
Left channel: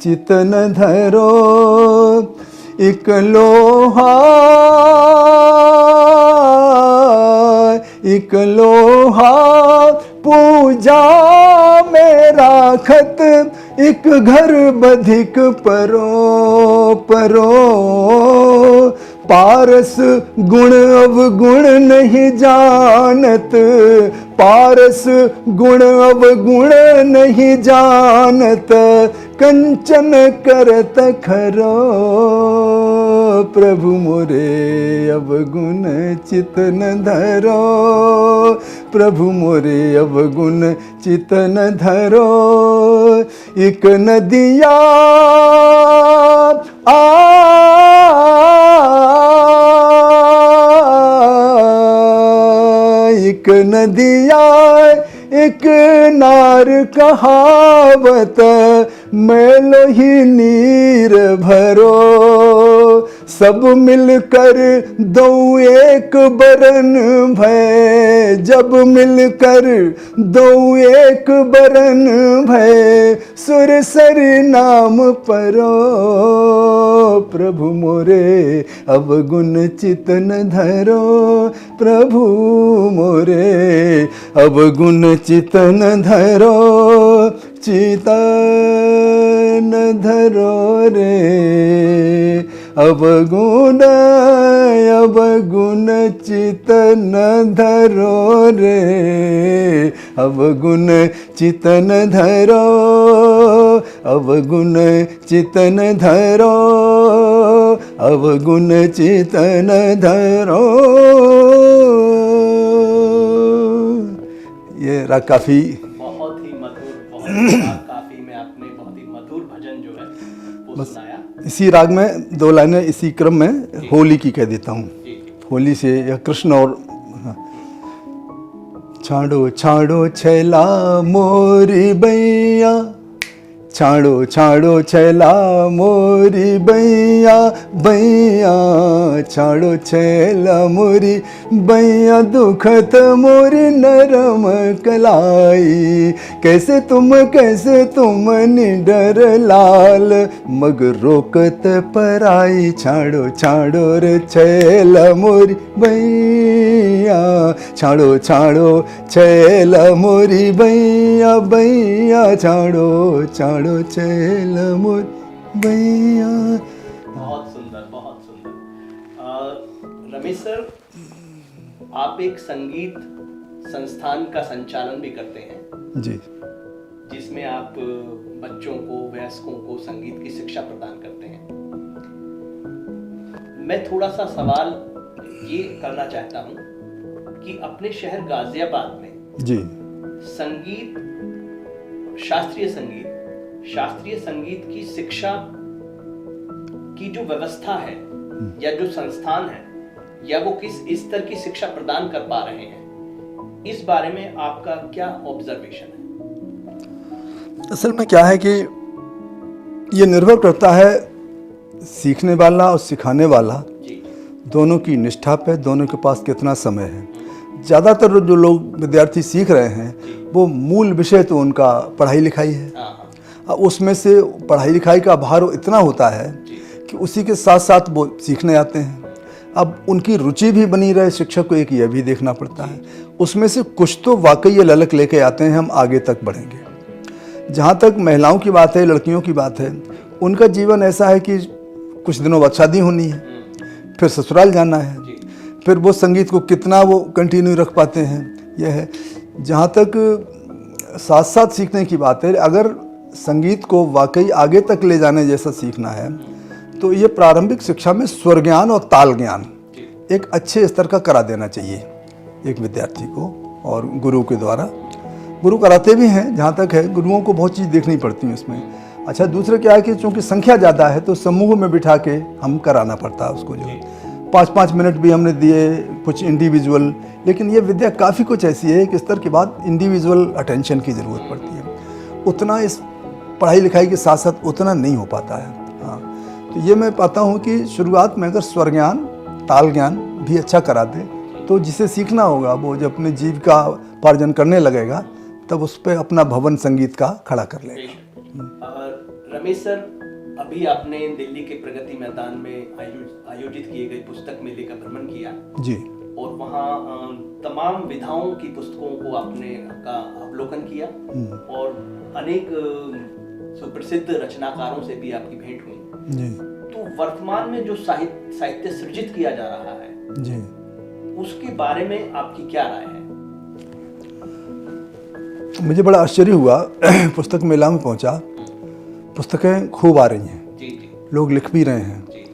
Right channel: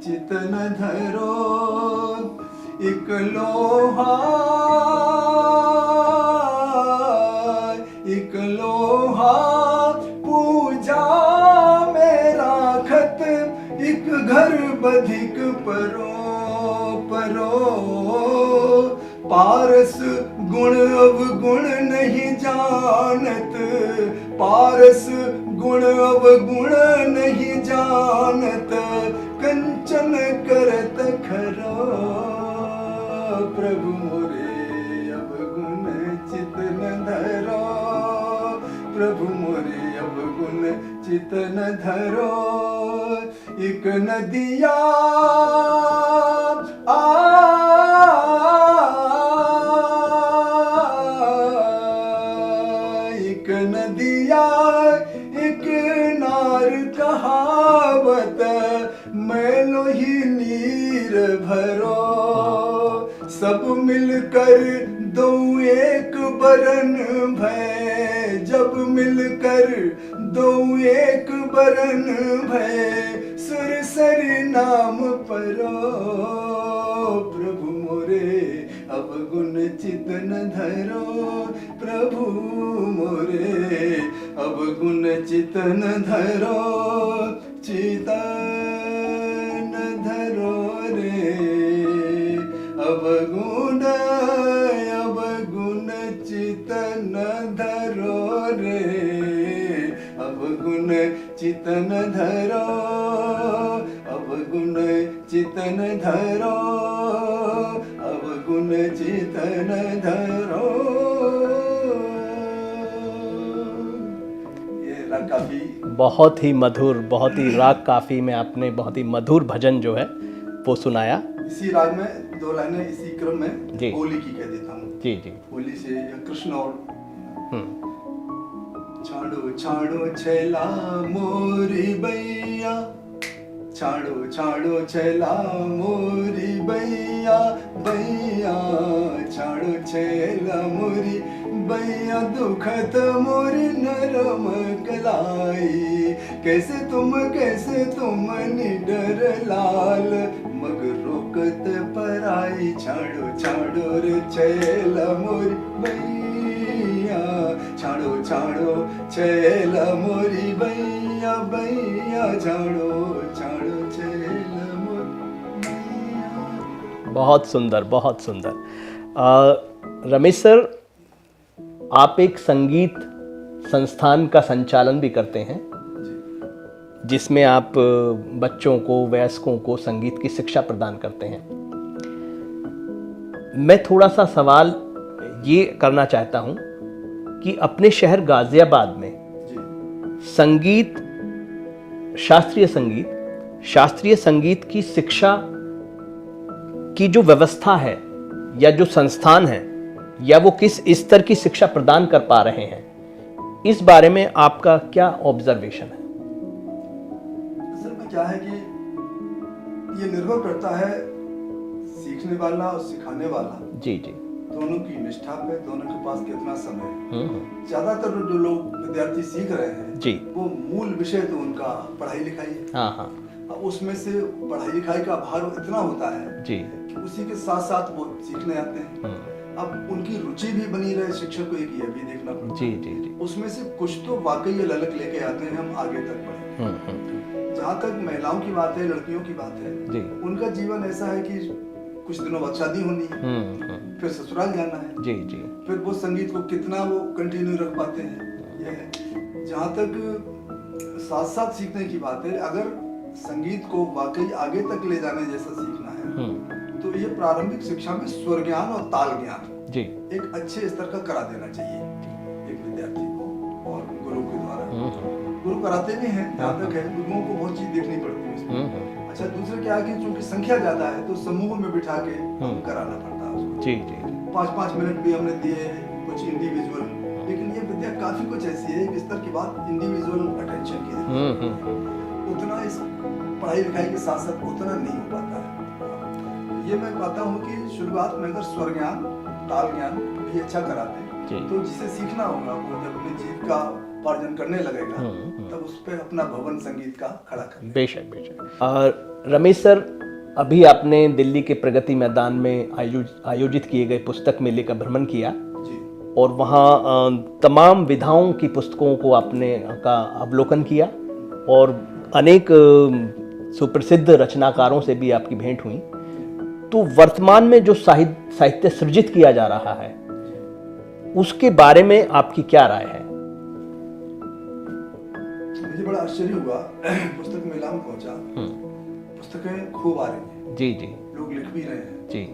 चितन धरो। एक लोहा एक लोहा पूजा में राखत, एक घर बधिक परो परो पारस गुण अवगुण नहीं जानत, पारस गुण अवगुण नहीं जानत, कंचन करत खरो, प्रभु मोरे अवगुण चित न धरो, प्रभु मोरे अवगुण चित न धरो। एक नदिया एक नदिया एक नार कहावत, मैलो ही नीर भरो, सब मिलकर दो एक बरन भय, जब मिलकर दो एक बरन भय, सुरसर नाम परो, प्रभु मोरे अवगुण चित न धरो, प्रभु मोरे अवगुण चित न धरो, चित न धरो रे, अवगुण अवगुण चित न धरो रे, अवगुण चित न धरो, अवगुण चित न धरो, अवगुण चित न धरो। ये राग काफी बहुत ही मधुर, बहुत ही राग काफी में आपने बहुत ही मधुर भजन जो है वो सुनाया। इसी राग में दो लाइनें इसी क्रम में होली की कह देता हूँ। जी जी। होली से या कृष्ण और छाड़ो छाड़ो छैला मोरी बैया, छाड़ो छाड़ो छैला मोरी बैया, बैया छाड़ो छैला मोरी बैया, दुखत मोरी नरम कलाई, कैसे तुम निडर लाल, मग रोकत पराई, छाड़ो छाड़ो रे छैला मोरी बैया, छाड़ो छाड़ो छैला मोरी बैया, बैया छाड़ो छाड़ो छैला मोरी बैया। बहुत सुंदर, बहुत सुंदर। रमेश सर, आप एक संगीत संस्थान का संचालन भी करते हैं जी, जिसमें आप बच्चों को, वयस्कों को संगीत की शिक्षा प्रदान करते हैं। मैं थोड़ा सा सवाल ये करना चाहता हूं कि अपने शहर गाजियाबाद में जी, संगीत, शास्त्रीय संगीत की शिक्षा की जो व्यवस्था है या जो संस्थान है, या वो किस स्तर की शिक्षा प्रदान कर पा रहे हैं, इस बारे में आपका क्या ऑब्जर्वेशन है? असल में क्या है कि ये निर्भर करता है सीखने वाला और सिखाने वाला जी जी दोनों की निष्ठा पे, दोनों के पास कितना समय है। ज़्यादातर जो लोग विद्यार्थी सीख रहे हैं जी, वो मूल विषय तो उनका पढ़ाई लिखाई है। हाँ हाँ अब उसमें से पढ़ाई लिखाई का भार इतना होता है जी कि उसी के साथ साथ वो सीखने आते हैं। अब उनकी रुचि भी बनी रहे, शिक्षक को एक यह भी देखना पड़ता है। उसमें से कुछ तो वाकई ये ललक लेके आते हैं, हम आगे तक बढ़ेंगे। जहाँ तक महिलाओं की बात है, लड़कियों की बात है, उनका जीवन ऐसा है कि कुछ दिनों बाद शादी होनी है, फिर ससुराल जाना है, जी जी फिर वो संगीत को कितना वो कंटिन्यू रख पाते हैं, यह है। जहाँ तक साथ साथ सीखने की बात है, अगर संगीत को वाकई आगे तक ले जाने जैसा सीखना है तो ये प्रारंभिक शिक्षा में स्वर ज्ञान और ताल ज्ञान जी एक अच्छे स्तर का करा देना चाहिए एक विद्यार्थी को, और गुरु के द्वारा। गुरु कराते भी हैं, जहाँ तक है गुरुओं को बहुत चीज़ देखनी पड़ती है इसमें। अच्छा, दूसरा क्या है कि चूंकि संख्या ज़्यादा है तो समूह में बिठा के हम कराना पड़ता है उसको। जी 5-5 मिनट भी हमने दिए, कुछ इंडिविजुअल, लेकिन ये विद्या काफ़ी कुछ ऐसी है कि स्तर के बाद इंडिविजुअल अटेंशन की ज़रूरत पड़ती है। उतना इस पढ़ाई लिखाई के साथ साथ उतना नहीं हो पाता है। हाँ, तो ये मैं पाता हूँ कि शुरुआत में अगर स्वर ज्ञान, ताल ज्ञान भी अच्छा करा दे तो जिसे सीखना होगा वो जब अपने जीविका उपार्जन करने लगेगा तब उस पर अपना भवन संगीत का खड़ा कर ले। बेशक बेशक। और रमेश सर, अभी आपने दिल्ली के प्रगति मैदान में आयोजित किए गए पुस्तक मेले का भ्रमण किया जी, और वहाँ तमाम विधाओं की पुस्तकों को आपने का अवलोकन किया और अनेक सुप्रसिद्ध रचनाकारों से भी आपकी भेंट हुई। जी। तो वर्तमान में जो साहित्य सृजित किया जा रहा है जी, उसके बारे में आपकी क्या राय है? मुझे बड़ा आश्चर्य हुआ पुस्तक मेला में पहुंचा, पुस्तकें खूब आ रही हैं, जी जी लोग लिख भी रहे हैं। जी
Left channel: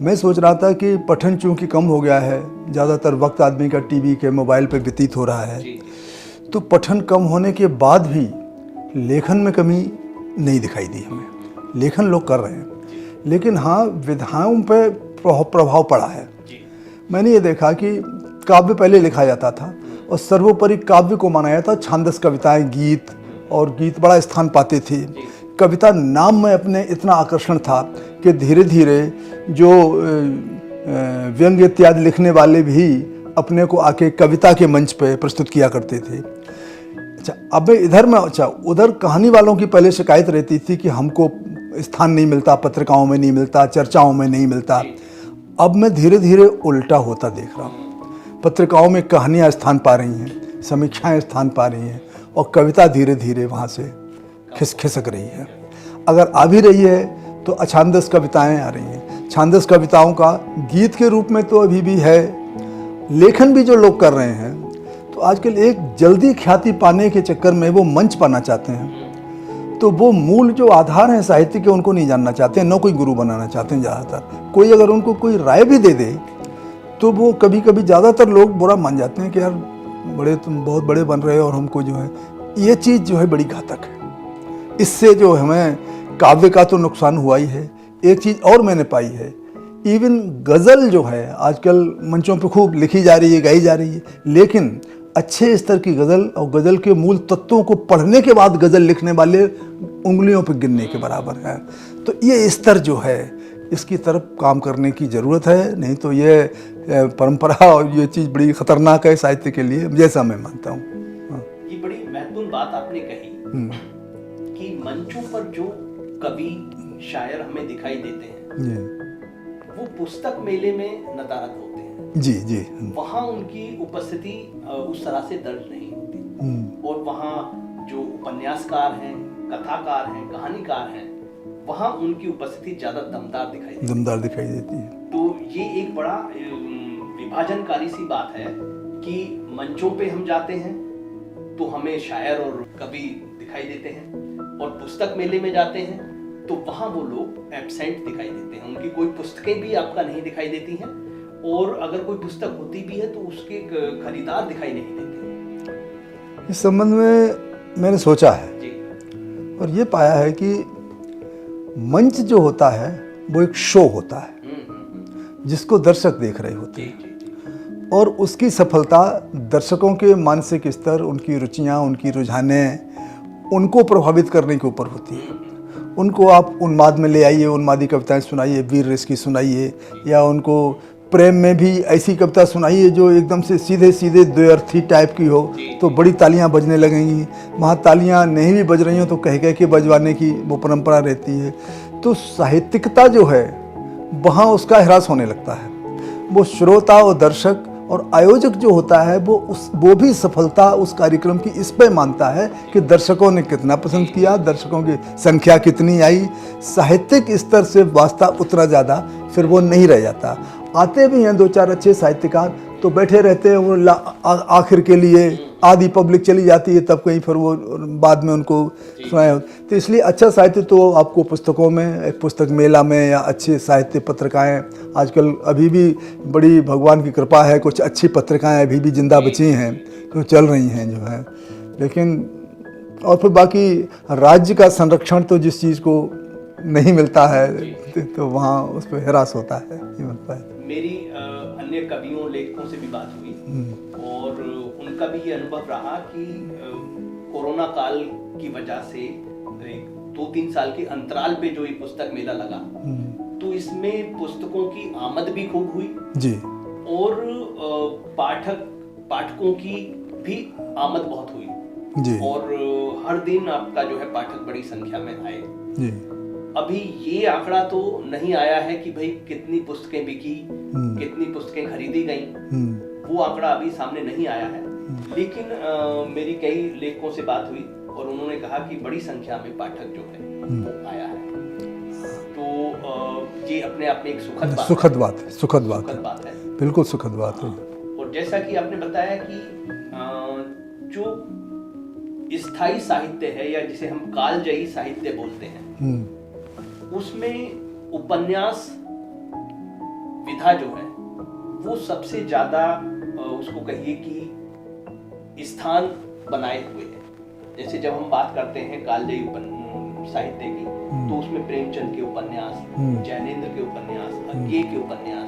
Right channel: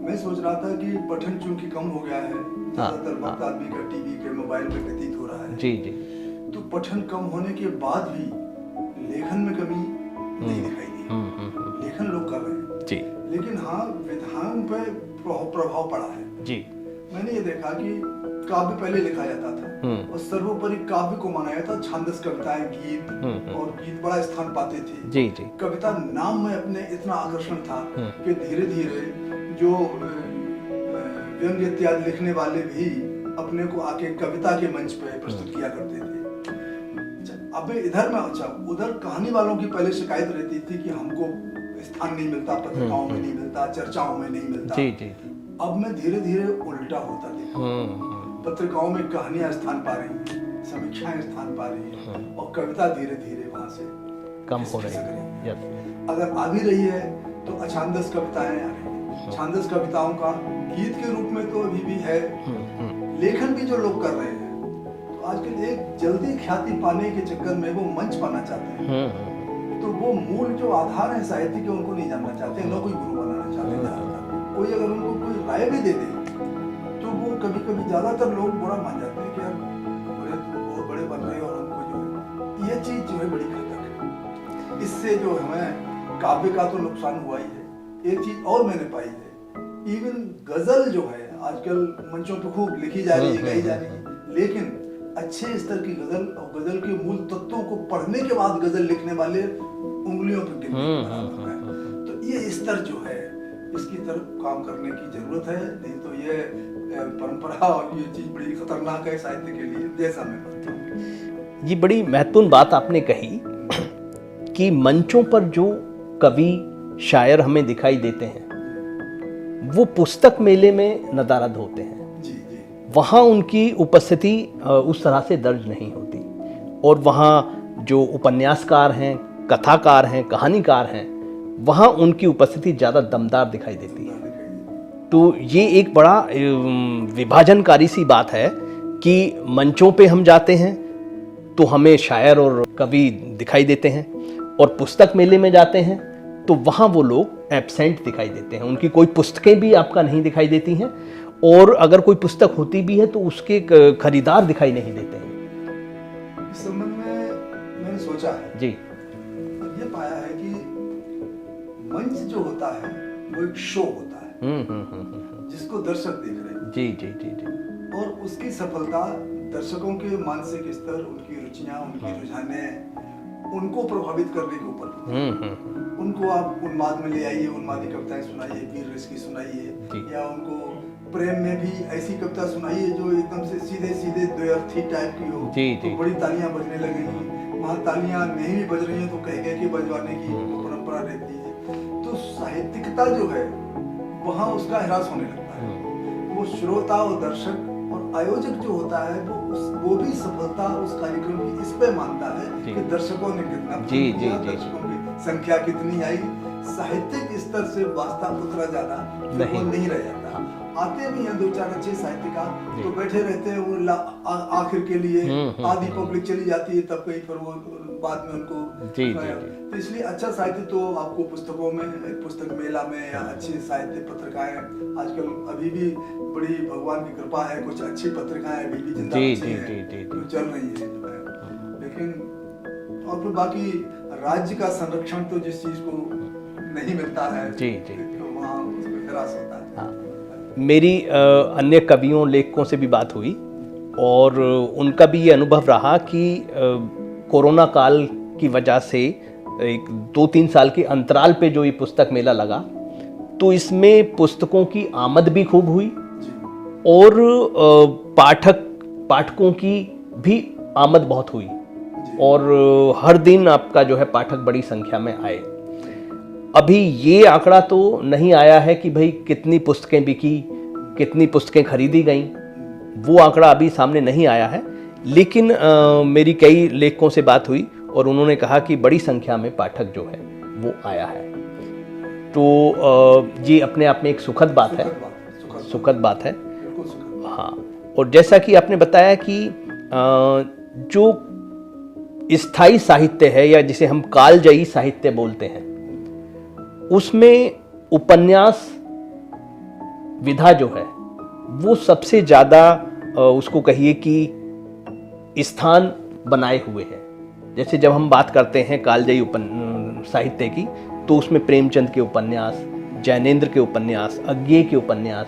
मैं सोच रहा था कि पठन चूंकि कम हो गया है, ज़्यादातर वक्त आदमी का टीवी के मोबाइल पे व्यतीत हो रहा है, जी जी तो पठन कम होने के बाद भी लेखन में कमी नहीं दिखाई दी। लेखन लोग कर रहे हैं जी लेकिन हाँ, विधाओं पे प्रभाव पड़ा है। जी मैंने ये देखा कि काव्य पहले लिखा जाता था और सर्वोपरि काव्य को माना जाता था, छांदस कविताएं, गीत, और गीत बड़ा स्थान पाते थे। जी जी कविता नाम में अपने इतना आकर्षण था कि धीरे धीरे जो व्यंग्य इत्यादि लिखने वाले भी अपने को आके कविता के मंच पे प्रस्तुत किया करते थे। अच्छा, अब इधर में, अच्छा उधर कहानी वालों की पहले शिकायत रहती थी कि हमको स्थान नहीं मिलता, पत्रिकाओं में नहीं मिलता, चर्चाओं में नहीं मिलता। जी जी अब मैं धीरे धीरे उल्टा होता देख रहा हूँ। पत्रिकाओं में कहानियाँ स्थान पा रही हैं, समीक्षाएं स्थान पा रही हैं और कविता धीरे धीरे वहाँ से खिसक रही है। अगर आ भी रही है तो अछांदस कविताएं आ रही हैं। छांदस कविताओं का गीत के रूप में तो अभी भी है। लेखन भी जो लोग कर रहे हैं तो आजकल एक जल्दी ख्याति पाने के चक्कर में वो मंच पाना चाहते हैं, तो वो मूल जो आधार हैं साहित्य के उनको नहीं जानना चाहते हैं, न कोई गुरु बनाना चाहते हैं। ज़्यादातर कोई अगर उनको कोई राय भी दे दे तो वो कभी कभी ज़्यादातर लोग बुरा मान जाते हैं कि यार तुम बहुत बड़े बन रहे हो और हमको जो है ये चीज़ जो है बड़ी घातक है। इससे जो हमें काव्य का तो नुकसान हुआ ही है। एक चीज़ और मैंने पाई है, इवन गज़ल जो है आजकल मंचों पे खूब लिखी जा रही है, गाई जा रही है, लेकिन अच्छे स्तर की गज़ल और गज़ल के मूल तत्वों को पढ़ने के बाद गज़ल लिखने वाले उंगलियों पे गिनने के बराबर है। तो ये स्तर जो है इसकी तरफ काम करने की ज़रूरत है, नहीं तो ये परंपरा और ये चीज़ बड़ी ख़तरनाक है साहित्य के लिए, जैसा मैं मानता हूँ। ये बड़ी महत्वपूर्ण बात आपने कही कि मंचों पर जो कवि शायर हमें दिखाई देते हैं वो पुस्तक मेले में नदारद होते हैं। जी जी, वहाँ उनकी उपस्थिति उस तरह से दर्ज नहीं होती, और वहाँ जो उपन्यासकार हैं, कथाकार हैं, कहानीकार हैं, वहाँ उनकी उपस्थिति ज़्यादा दमदार दिखाई देती है। तो ये एक बड़ा विभाजनकारी सी बात है कि मंचों पे हम जाते हैं तो हमें शायर और कवि दिखाई देते हैं, और पुस्तक मेले में जाते हैं तो वहाँ वो लोग एब्सेंट दिखाई देते हैं। उनकी कोई पुस्तकें भी आपका नहीं दिखाई देती हैं, और अगर कोई पुस्तक होती भी है तो उसके खरीदार दिखाई नहीं देते हैं। इस संबंध में मैंने सोचा है जी, और ये पाया है कि मंच जो होता है वो एक शो होता है जिसको दर्शक देख रहे होते हैं। जी जी जी, और उसकी सफलता दर्शकों के मानसिक स्तर, उनकी रुचियाँ, उनकी रुझाने उनको प्रभावित करने के ऊपर होती है। उनको आप उन्माद में ले आइए, उन्मादी कविताएं सुनाइए, वीर रस की सुनाइए, या उनको प्रेम में भी ऐसी कविता सुनाइए जो एकदम से सीधे सीधे द्व्यर्थी टाइप की हो, तो बड़ी तालियां बजने लगेंगी। वहाँ तालियां नहीं भी बज रही हो तो कह कह के बजवाने की वो परंपरा रहती है। तो साहित्यिकता जो है वहाँ उसका ह्रास होने लगता है। वो श्रोता और दर्शक और आयोजक जो होता है वो भी सफलता उस कार्यक्रम की इस पे मानता है कि दर्शकों ने कितना पसंद किया, दर्शकों की संख्या कितनी आई। साहित्यिक स्तर से वास्ता उतना ज़्यादा फिर वो नहीं रह जाता। आते भी हैं दो चार अच्छे साहित्यकार तो बैठे रहते हैं, वो आखिर के लिए आधी पब्लिक चली जाती है, तब कहीं फिर वो बाद में उनको सुनाए। तो इसलिए अच्छा साहित्य तो आपको पुस्तकों में, पुस्तक मेला में, या अच्छे साहित्य पत्रिकाएं आजकल अभी भी बड़ी भगवान की कृपा है, कुछ अच्छी पत्रिकाएं अभी भी जिंदा बची हैं जो चल रही हैं जो है। लेकिन और फिर बाकी राज्य का संरक्षण तो जिस चीज़ को नहीं मिलता है तो वहाँ उस पर ह्रास होता है। मेरी अन्य कवियों, लेखकों से भी बात हुई और उनका भी ये अनुभव रहा कि कोरोना काल की वजह से एक 2-3 साल के अंतराल पे जो ये पुस्तक मेला लगा तो इसमें पुस्तकों की आमद भी खूब हुई जी, और पाठकों की भी आमद बहुत हुई जी, और हर दिन आपका जो है पाठक बड़ी संख्या में आए जी। अभी ये आंकड़ा तो नहीं आया है कि भाई कितनी पुस्तकें बिकी, कितनी पुस्तकें खरीदी गईं, वो आंकड़ा अभी सामने नहीं आया है। लेकिन मेरी कई लेखकों से बात हुई और उन्होंने कहा कि बड़ी संख्या में पाठक जो है वो आया है। तो ये अपने आप में एक सुखद बात सुखद बात है, सुखद बात है। बिल्कुल सुखद बात हाँ, है। और जैसा कि आपने बताया कि जो स्थायी साहित्य है या जिसे हम कालजयी साहित्य बोलते हैं, उसमें उपन्यास विधा जो है वो सबसे ज़्यादा उसको कहिए कि स्थान बनाए हुए है। जैसे जब हम बात करते हैं कालजयी साहित्य की, तो उसमें प्रेमचंद के उपन्यास, जैनेन्द्र के उपन्यास, अज्ञेय के उपन्यास,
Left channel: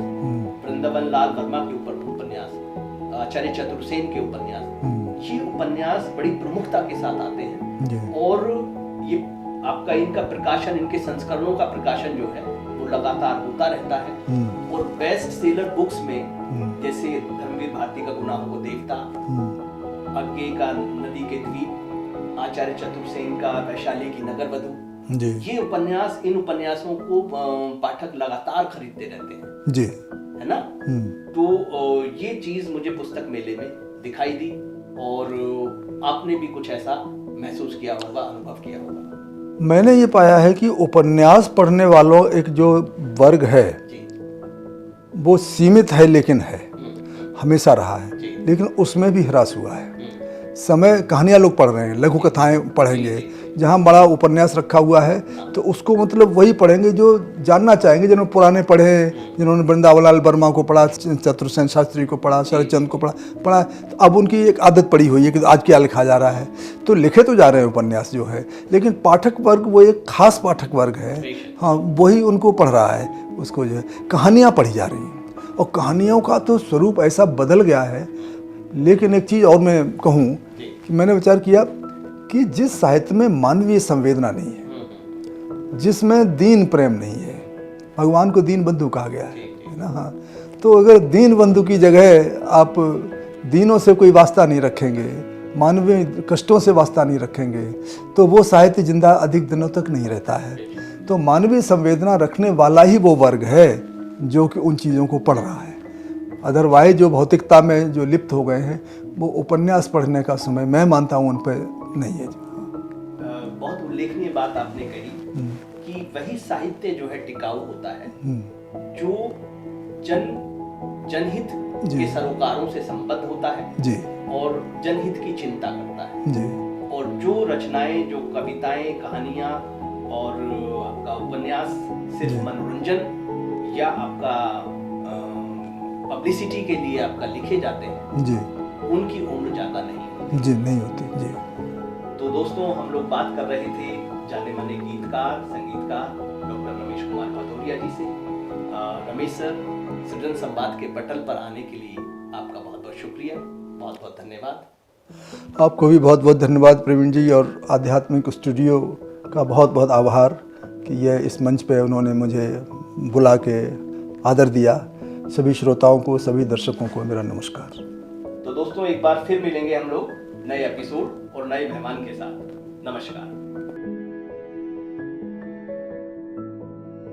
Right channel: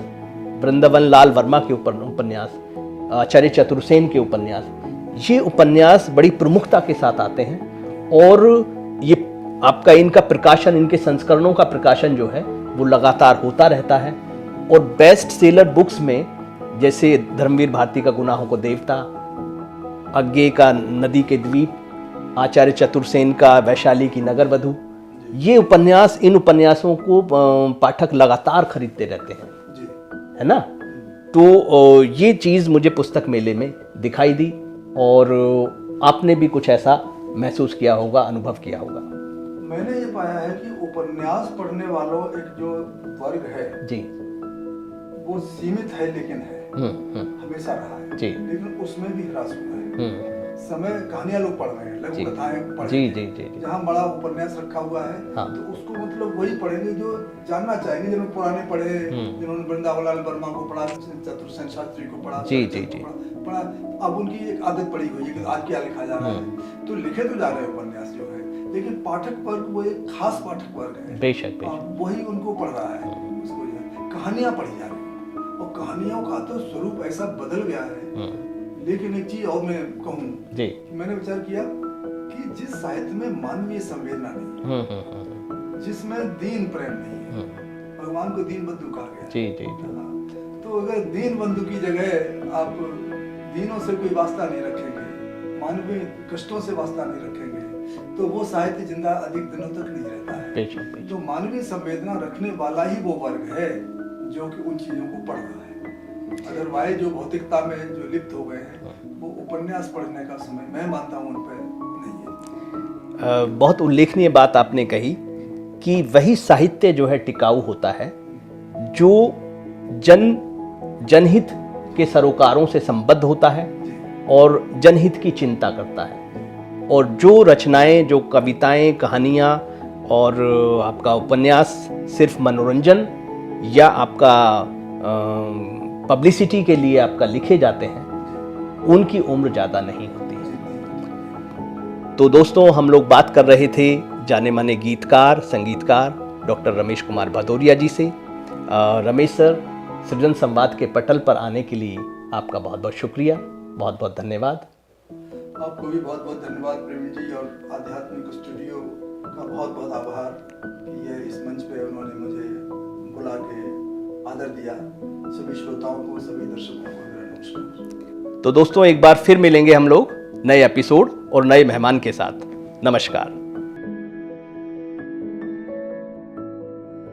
वृंदावन लाल वर्मा के उपन्यास, आचार्य चतुर्सेन के उपन्यास, ये उपन्यास बड़ी प्रमुखता के साथ आते हैं। और ये आपका इनका प्रकाशन, इनके संस्करणों का प्रकाशन जो है वो लगातार होता रहता है। और बेस्ट सेलर बुक्स में जैसे धर्मवीर भारती का गुनाहों को देवता, अज्ञेय का नदी के द्वीप, आचार्य चतुर्सेन का वैशाली की नगर वधू, ये उपन्यास, इन उपन्यासों को पाठक लगातार खरीदते रहते हैं जी, है ना। तो ये चीज मुझे पुस्तक मेले में दिखाई दी, और आपने भी कुछ ऐसा महसूस किया होगा, अनुभव किया होगा। मैंने ये पाया है कि उपन्यास पढ़ने वालों एक जो वर्ग है जी, वो सीमित है, लेकिन है, हमेशा रहा है, जी। लेकिन उसमें भी ह्रास हुआ है। समय कहानियां लोग पढ़ रहे हैं, लघु कथाएं पढ़ेंगे, जहां बड़ा उपन्यास रखा हुआ है तो उसको मतलब वही पढ़ेंगे जो जानना चाहेंगे, जिन्होंने पुराने पढ़े, जिन्होंने वृंदावन लाल वर्मा को पढ़ा, चतुर्सेन शास्त्री को पढ़ा, शरदचंद्र को पढ़ा। तो अब उनकी एक आदत पड़ी हुई है कि आज क्या लिखा जा रहा है, तो लिखे तो जा रहे हैं उपन्यास जो है, लेकिन पाठक वर्ग वो एक खास पाठक वर्ग है। हाँ, वही उनको पढ़ रहा है, उसको जो है कहानियाँ पढ़ी जा रही हैं, और कहानियों का तो स्वरूप ऐसा बदल गया है। लेकिन एक चीज़ और मैं कहूँ कि मैंने विचार किया कि जिस साहित्य में मानवीय संवेदना नहीं है, जिसमें दीन प्रेम नहीं है, भगवान को दीन बंधु कहा गया है ना। हाँ, तो अगर दीन बंधु की जगह आप दीनों से कोई वास्ता नहीं रखेंगे, मानवीय कष्टों से वास्ता नहीं रखेंगे, तो वो साहित्य जिंदा अधिक दिनों तक नहीं रहता है। तो मानवीय संवेदना रखने वाला ही वो वर्ग है जो कि उन चीज़ों को पढ़ रहा है। अदरवाइज जो भौतिकता में जो लिप्त हो गए हैं, वो उपन्यास पढ़ने का समय मैं मानता हूँ उन पर नहीं है। बहुत उल्लेखनीय बात आपने कही कि वही साहित्य जो है टिकाऊ होता है जो जनहित के सरोकारों से संबद्ध होता है जी, और जनहित की चिंता करता है जी। और जो रचनाएं, जो कविताएं, कहानियां और आपका उपन्यास सिर्फ मनोरंजन या आपका पब्लिसिटी के लिए आपका लिखे जाते हैं जी, उनकी उम्र ज़्यादा नहीं होती। जी, नहीं होती जी। तो दोस्तों, हम लोग बात कर रहे थे जाने माने गीतकार, संगीतकार डॉक्टर रमेश कुमार भदौरिया जी से। रमेश सर, सृजन संवाद के पटल पर आने के लिए आपका बहुत बहुत शुक्रिया, बहुत बहुत धन्यवाद। आपको भी बहुत बहुत धन्यवाद प्रवीण जी, और आध्यात्मिक स्टूडियो का बहुत बहुत आभार कि ये इस मंच पे उन्होंने मुझे बुला के आदर दिया। सभी श्रोताओं को, सभी दर्शकों को मेरा नमस्कार। तो दोस्तों, एक बार फिर मिलेंगे हम लोग नए एपिसोड और नए मेहमान के साथ। नमस्कार।